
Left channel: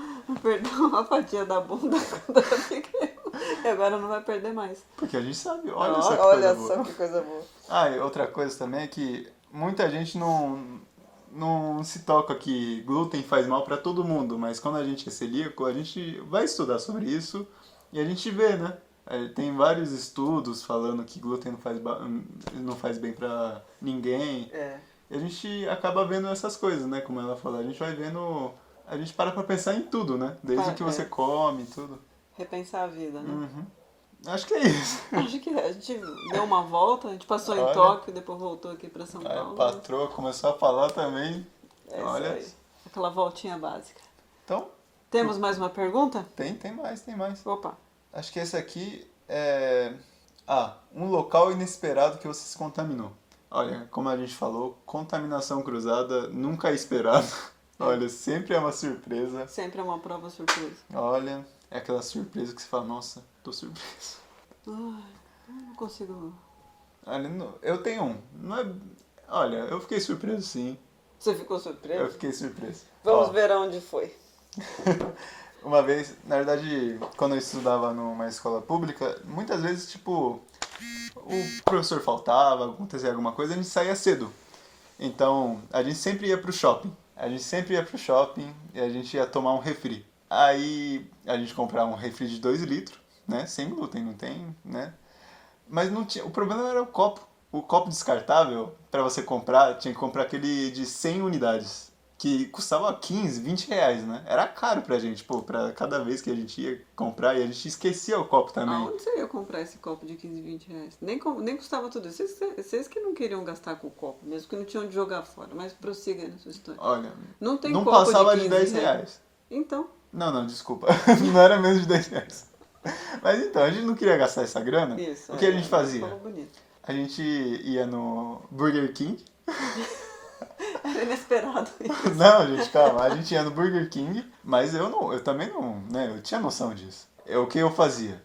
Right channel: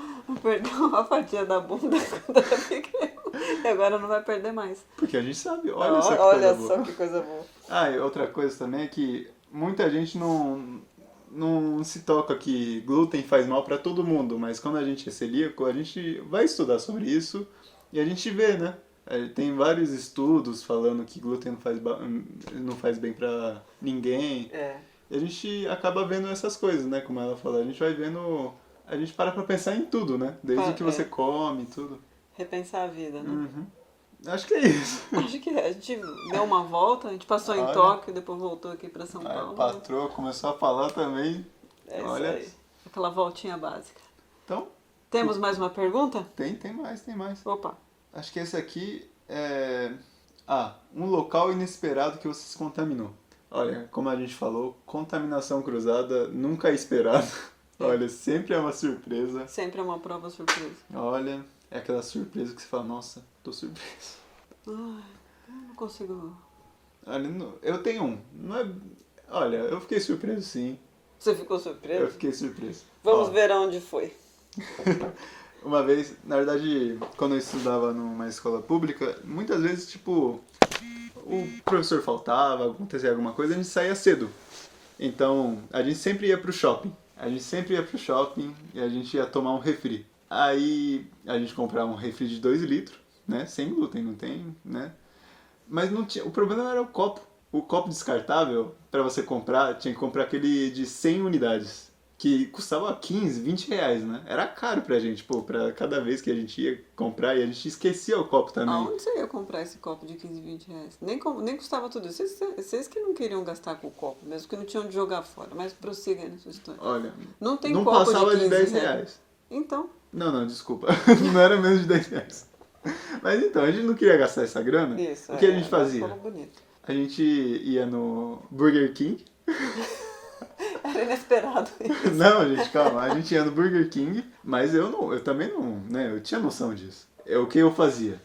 a fatia da bunda quando era pequeno. E agora não vai perder mais. Porque a gente sabe, olha só que coisa boa. Só que coisa boa. E outra coisa também é que muita gente não se toca que glúten faz mal pra todo mundo, mas quando a gente é celíaco, a gente vai estudar sobre isso e a gente vê, né? Tem vários estudos falando que glúten não faz bem pra ninguém. E a gente acaba vendo essas coisas, né? Como ela falou, a gente vai vendo... A gente para pra pensar em tudo, né? Desde o que você come, tudo. Repensar a vida, né? Uhum. Acho que é isso. Acho que a gente deu uma volta, a gente passou em Tóquio e depois voltou aqui pra São Paulo. A patroa começou a falar também. Olha isso aí. Aquela voltinha básica. Então... Temos mais uma pergunta? Tem mais. Opa. Acho que esse aqui é... um local inesperado que você se contaminou. Olha, como a gente falou, contaminação cruzada nunca é esperado. Olha, sempre é uma surpresa. Sempre é uma prova surpresa. Olha, é aquela surpresa que você fala, nossa, tô surpreso. Ai, eu não consigo... Olha, eu tenho um. Olha, eu fiquei surpreso sim. Você ficou surpreso? Eu fiquei surpreso. Vamos ver aonde foi. Uma vez, na verdade, quando eu estudava numa escola pública, muitas vezes, tipo, o professor faltava, acontecia alguma coisa, a gente saía cedo. Então, a gente sempre ia pro shopping. A gente sempre ia pro shopping e a gente ia tomar um refri. Aí a gente comprava um refri de 2 litros, né? Sem glúten, não tem, né? Mas não tinha, o problema era o copo. O copo descartável, para você comprar, tinha que comprar aquele de 100 unidades. Que custava 15, 20 reais, né? Era caro pra gente, pô, pra cada vez que a gente ia comprar e a gente esquecia o copo também. Aonde você ia comprar esse copo de 15, 20 reais? Nem custava tudo isso. Vocês que não queriam gastar com o copo, mesmo que não tinham de jogar fora. Mas prossiga nessa história. Olha, Não tem não copo passava de de 15 10 reais. Então, Não, desculpa. Não era menos de 10 reais. Mas então, a gente não queria gastar essa grana. isso. O que a gente fazia? Falou bonito. A gente ia no Burger King. Era inesperado isso. Não, gente, calma. A gente ia no Burger King, mas eu também não, né? Eu tinha noção disso. O que eu fazia?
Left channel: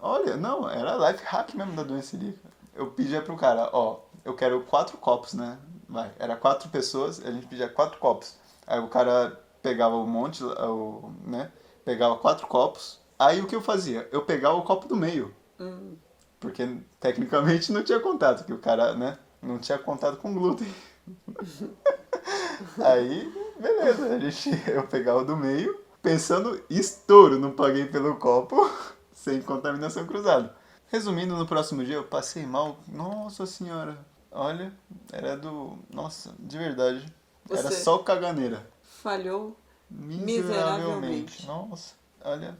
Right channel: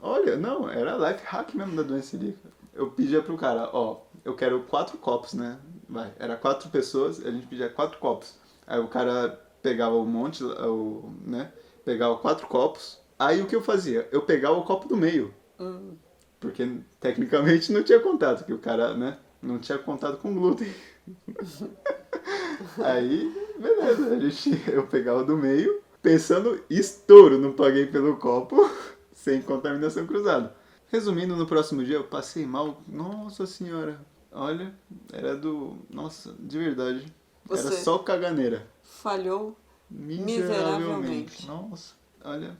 Olha, não, era life hack mesmo da doença celíaca. Eu pedia pro cara, ó, eu quero 4 copos, né? Vai, era 4 pessoas, a gente pedia 4 copos. Aí o cara pegava um monte, né? Pegava 4 copos. Aí o que eu fazia? Eu pegava o copo do meio. Porque tecnicamente não tinha contato, porque o cara, né? Não tinha contato com glúten. Aí, beleza, eu pegava o do meio, pensando, estouro, não paguei pelo copo, sem contaminação cruzada. Resumindo, no próximo dia eu passei mal, nossa senhora, olha, nossa, de verdade, era Você só caganeira. falhou Miseravelmente. Nossa, olha,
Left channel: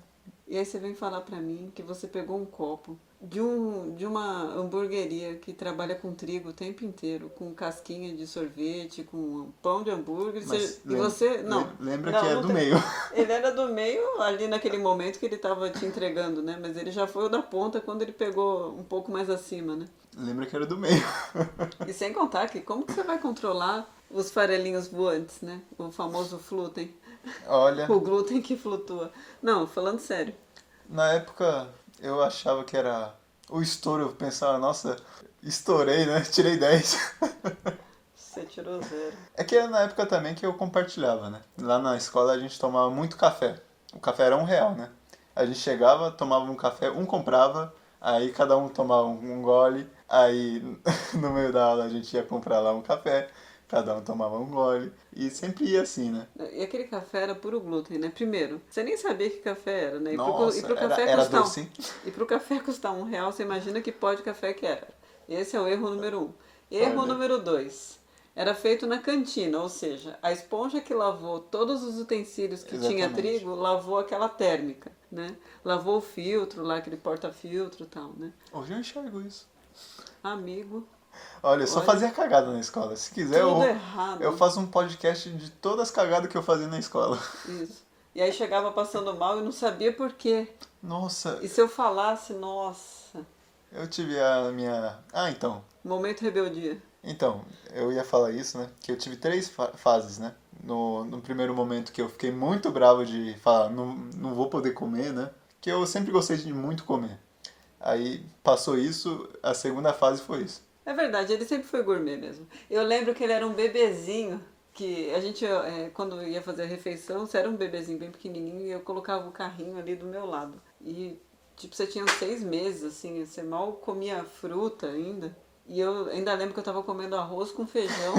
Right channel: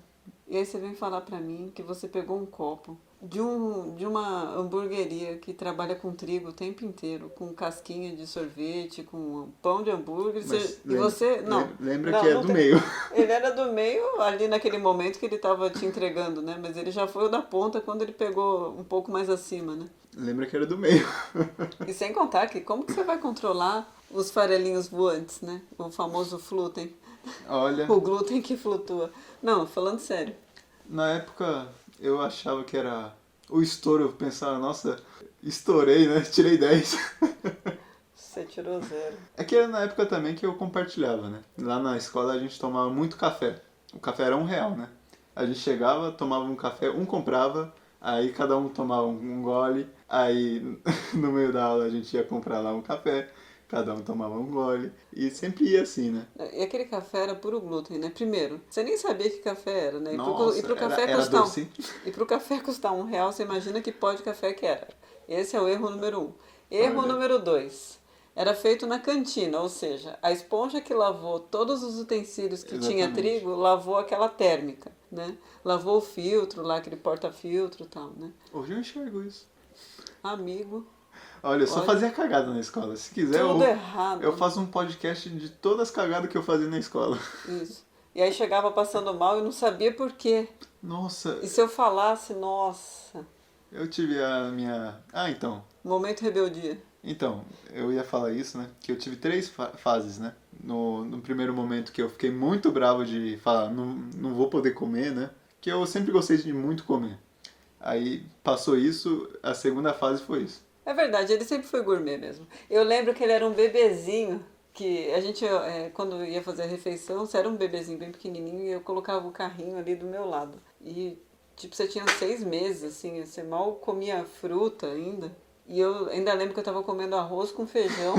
e aí você vem falar pra mim que você pegou um copo de uma hamburgueria que trabalha com trigo o tempo inteiro, com casquinha de sorvete, com pão de hambúrguer, mas e você... Não, lembra não, que é não do tem- meio. Ele era do meio ali naquele momento que ele tava te entregando, né? Mas ele já foi o da ponta quando ele pegou um pouco mais acima, né? Lembra que era do meio. E sem contar que como que você vai controlar os farelinhos voantes, né? O famoso glúten. Olha, O glúten que flutua. Não, falando sério. na época eu achava que era o estouro, eu pensava, nossa, estourei, né? Tirei 10. Você tirou 0. É que era na época também que eu compartilhava, né? Lá na escola a gente tomava muito café. O café era R$1, né? A gente chegava, tomava um café, um comprava, aí cada um tomava um gole, aí no meio da aula a gente ia comprar lá um café, cada um tomava um gole, e sempre ia assim, né? E aquele café era puro glúten, né? Primeiro, você nem sabia que café era, né? Nossa, era doce. E pro café custar R$1, você imagina que pó de café que era. Esse é o erro número 1. Erro Olha. número 2. Era feito na cantina, ou seja, a esponja que lavou todos os utensílios que tinha Exatamente. trigo, lavou aquela térmica, né? Lavou o filtro lá, aquele porta-filtro e tal, né? Hoje eu enxergo isso. Amigo, Olha, eu só Olha. fazia cagada na escola. Se quiser, tudo errado. eu faço um podcast de todas as cagadas que eu fazia na escola. Isso. E aí chegava passando mal e não sabia por quê. Nossa, E se eu falasse, nossa, eu tive a minha... Ah, então. momento rebeldia. Então, eu ia falar isso, né? Que eu tive 3 fases, né? No primeiro momento que eu fiquei muito bravo de falar, não vou poder comer, né? Que eu sempre gostei de muito comer. Aí passou isso, a segunda fase foi isso. É verdade, ele sempre foi gourmet mesmo. Eu lembro que ele era um bebezinho, que a gente, quando ia fazer a refeição, você era um bebezinho bem pequenininho e eu colocava o carrinho ali do meu lado. E, tipo, você tinha 6 meses, assim, você mal comia fruta ainda. E eu ainda lembro que eu tava comendo arroz com feijão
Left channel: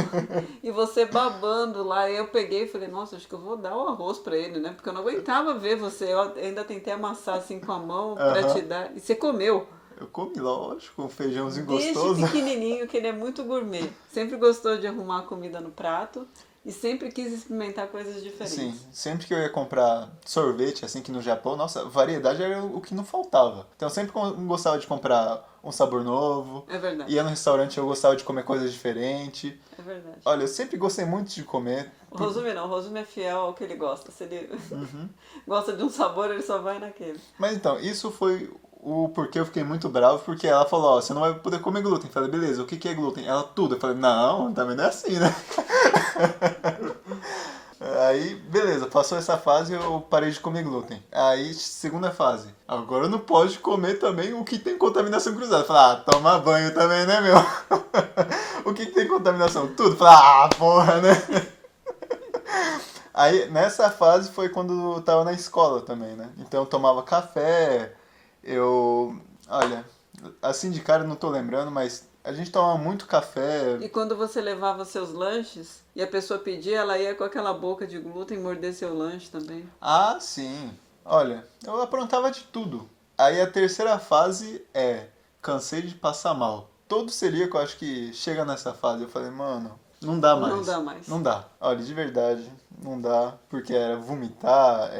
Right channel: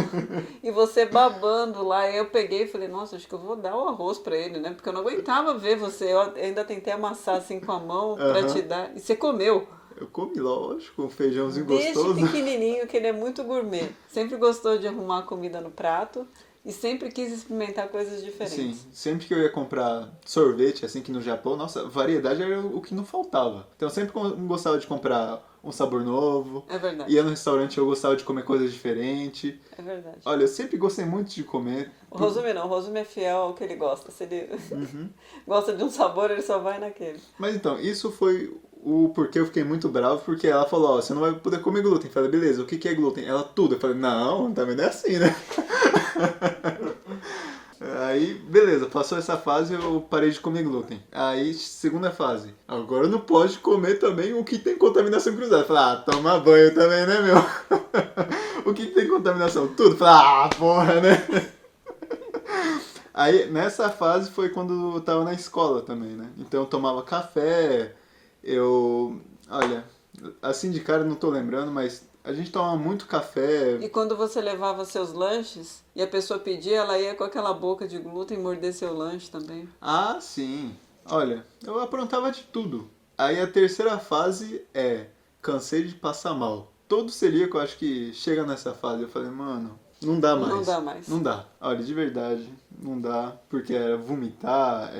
e você babando lá. E eu peguei e falei, nossa, acho que eu vou dar o arroz pra ele, né? Porque eu não aguentava ver você. Eu ainda tentei amassar assim com a mão pra Aham. te dar. E você comeu. Eu comi, lógico, um feijãozinho Desde gostoso. pequenininho que ele é muito gourmet. Sempre gostou de arrumar comida no prato e sempre quis experimentar coisas diferentes. Sim, sempre que eu ia comprar sorvete, assim, que no Japão, nossa, variedade era o que não faltava. Então eu sempre gostava de comprar um sabor novo. É verdade, Ia no restaurante, eu gostava de comer coisas diferentes. é verdade. Olha, eu sempre gostei muito de comer. O Rosume não, o Rosume é fiel ao que ele gosta. Se ele gosta de um sabor, ele só vai naquele. Mas então, isso foi o porquê eu fiquei muito bravo, porque ela falou, ó, você não vai poder comer glúten. Eu falei, beleza, o que é glúten? Ela, tudo. Eu falei, não, também não é assim, né? Aí, beleza, passou essa fase, eu parei de comer glúten. Aí, segunda fase, agora não pode comer também o que tem contaminação cruzada. Eu falei, ah, toma banho também, né, meu? O que tem contaminação? Tudo. Eu falei, ah, porra, né? Aí, nessa fase foi quando eu tava na escola também, né? Então eu tomava café, olha, assim de cara eu não tô lembrando, mas A gente tomava muito café. E quando você levava seus lanches e a pessoa pedia, ela ia com aquela boca de glúten morder seu lanche também. Ah, sim. Olha, eu aprontava de tudo. Aí a terceira fase é cansei de passar mal. Todo celíaco, eu acho que chega nessa fase. Eu falei, mano, não dá mais. Não dá mais. Não dá. Olha, de verdade, não dá. Porque era vomitar,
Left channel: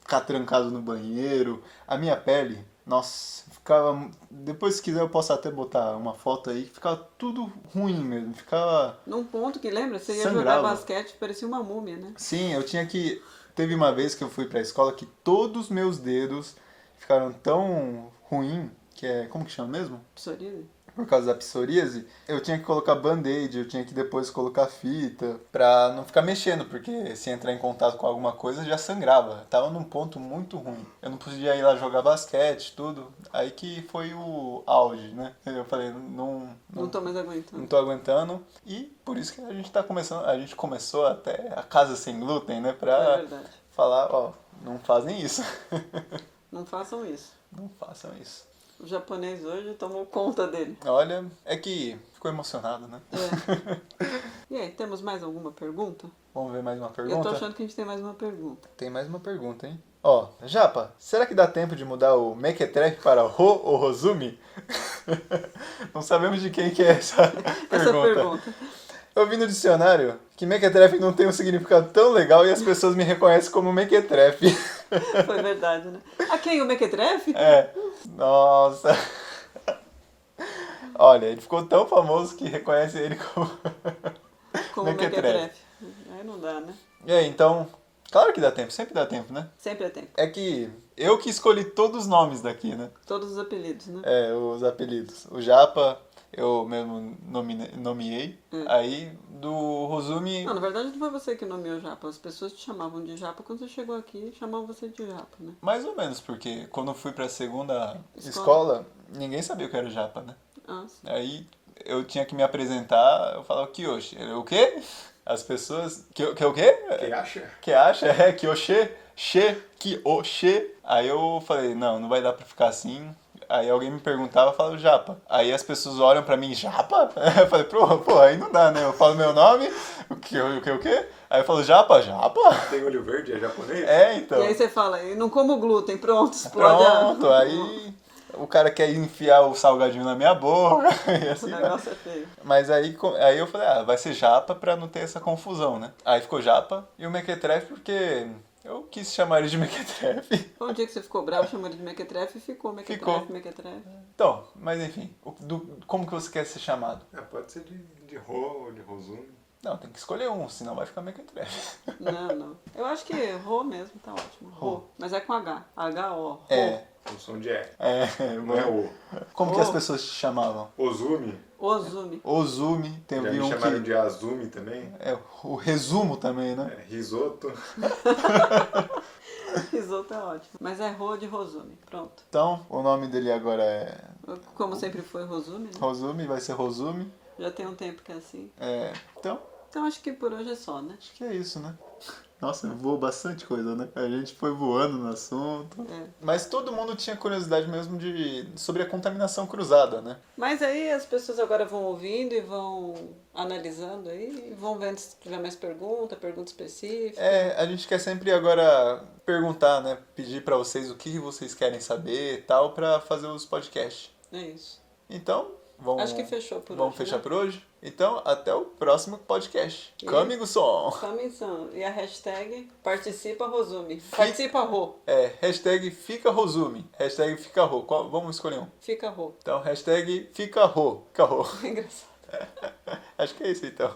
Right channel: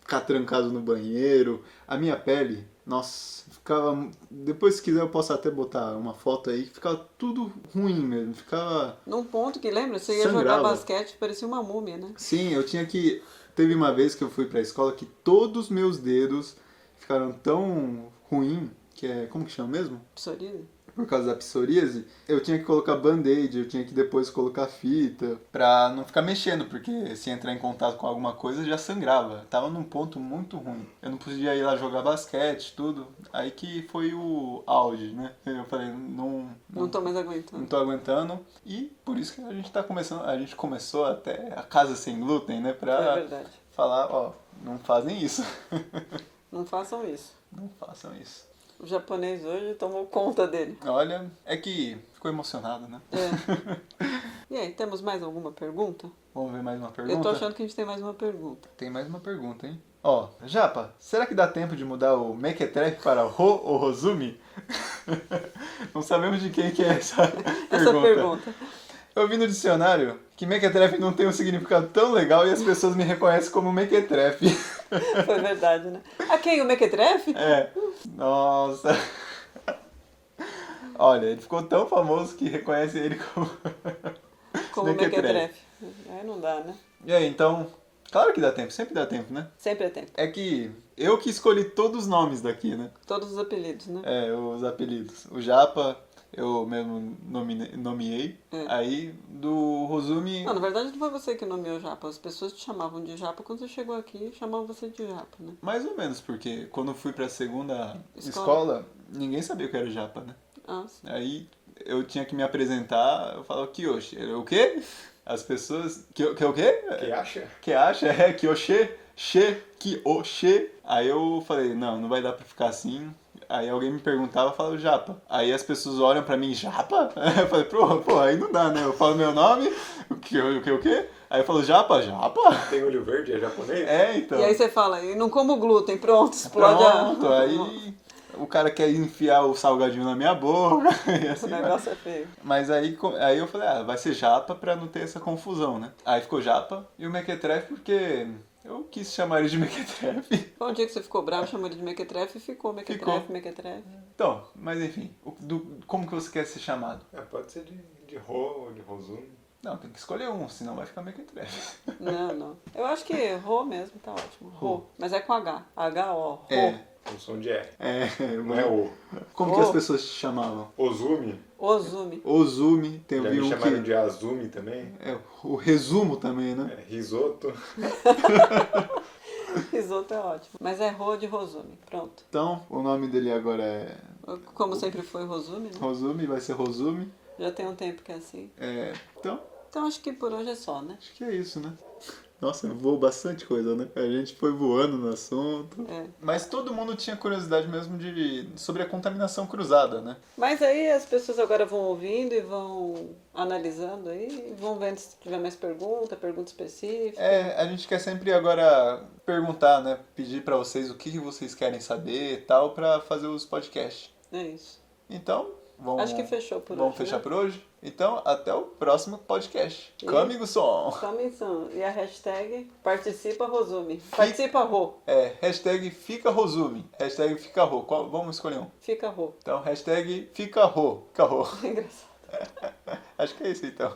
ficar trancado no banheiro. A minha pele, nossa, ficava... Depois, se quiser, eu posso até botar uma foto aí. Ficava tudo ruim mesmo. Ficava... Num ponto que, lembra? Você ia Sangrava. jogar basquete, parecia uma múmia, né? Sim, eu tinha que... Teve uma vez que eu fui pra escola que todos os meus dedos ficaram tão ruim, que é... Como que chama mesmo? Psoríase. Por causa da psoríase, eu tinha que colocar band-aid, eu tinha que depois colocar fita, pra não ficar mexendo, porque se entrar em contato com alguma coisa já sangrava. Tava num ponto muito ruim. Eu não podia ir lá jogar basquete, tudo. Aí que foi o auge, né? Eu falei, Não tô mais aguentando. não tô aguentando. E por isso que a gente começou até a Casa Sem Glúten, né? É Pra verdade. falar, ó, não fazem isso. Não façam isso. Não façam isso. O japonês hoje tomou conta dele. Olha, é que ficou emocionado, né? É. E aí, temos mais alguma pergunta? Vamos ver mais uma pergunta? Eu tô achando que a gente tem mais uma pergunta. Tem mais uma pergunta, hein? Ó, Japa, será que dá tempo de mudar o Mequetrefe para Ro ou Rosumi? Não sabemos de quem que é essa pergunta. Essa pergunta. Eu vi no dicionário que Mequetrefe não tem um significado tão legal e as pessoas me reconhecem como Mequetrefe. Foi verdade, né? A quem? O Mequetrefe? É. Nossa. Olha, ele ficou tão famoso que reconhece ele como... Como Mequetrefe. Mequetrefe. Aí não dá, né? E aí, então... Claro que dá tempo, sempre dá tempo, né? Sempre é tempo. É que eu que escolhi todos os nomes daqui, né? Todos os apelidos, né? É, os apelidos. O Japa, eu mesmo nomeei. Aí, do Rosumi... Não, na verdade não foi você que nomeou Japa. As pessoas te chamavam de Japa quando você chegou aqui, chamavam você de Japa, né? Mais ou menos, porque quando eu fui pra segunda Escola. escola, ninguém sabia o que era Japa, né? Ah, sim. Aí eu tinha que me apresentar, eu falava Kiyoshi. O quê? As pessoas... Que o quê? Que acha? Que acha? É, Kyoshi, Kyoshi. Aí eu falei, não vai dar pra ficar assim. Aí alguém me perguntava, eu falava Japa. Aí as pessoas olham pra mim, Japa? Eu falei, pô, aí não dá, né? Eu falo meu nome, o quê? Aí eu falo, Japa? Tem olho verde, é japonês? É, então. E aí você fala, e não como glúten, pronto, explode Pronto, aí o cara quer enfiar o salgadinho na minha boca e O assim vai. negócio é feio. Mas aí eu falei, vai ser Japa pra não ter essa confusão, né? Aí ficou Japa e o Mequetrefe porque eu quis chamar ele de Mequetrefe. Foi um dia que você ficou bravo, chamou ele de Mequetrefe e ficou Ficou. Mequetrefe. Então, mas enfim, como que você quer ser chamado? Pode ser de Ro ou de Rosumi. Não, tem que escolher um, senão vai ficar Mequetrefe. Não. Eu acho que Rô mesmo tá ótimo. Rô. Mas é com H. H-O. Rô. É, O som de E. não Não é o. Como que as pessoas te chamavam? Ozumi. Ozumi. Ozumi, tem Já vi me um chamaram que... de Azumi também. É, o resumo também, né? Risoto. Risoto é ótimo. Mas é Rô de Rosumi. Pronto. Então, o nome dele agora é Como sempre foi Rosumi, né? Rosumi, vai ser Rosumi. Já tem um tempo que é assim. Então, Então acho que por hoje é só, né? acho que é isso, né? Nossa, voou bastante coisa, né? A gente foi voando no assunto. É. Mas todo mundo tinha curiosidade mesmo sobre a contaminação cruzada, né? Mas aí as pessoas agora vão ouvindo e vão analisando aí, e vão vendo se tiver mais pergunta específica. A gente quer sempre agora perguntar, né? Pedir pra vocês o que vocês querem saber e tal, pra fazer os podcasts. É isso. Então, vamos... Acho que fechou por Vamos hoje, fechar né? por hoje? Então, até o próximo podcast. E- Comigo som! Comissão. E a hashtag participa Rosumi. Participa Rô. Hashtag fica Rosumi. Hashtag fica Rô. Vamos escolher um. Fica Rô. Então, hashtag fica Rô. Fica Rô. É engraçado. Acho que é isso então.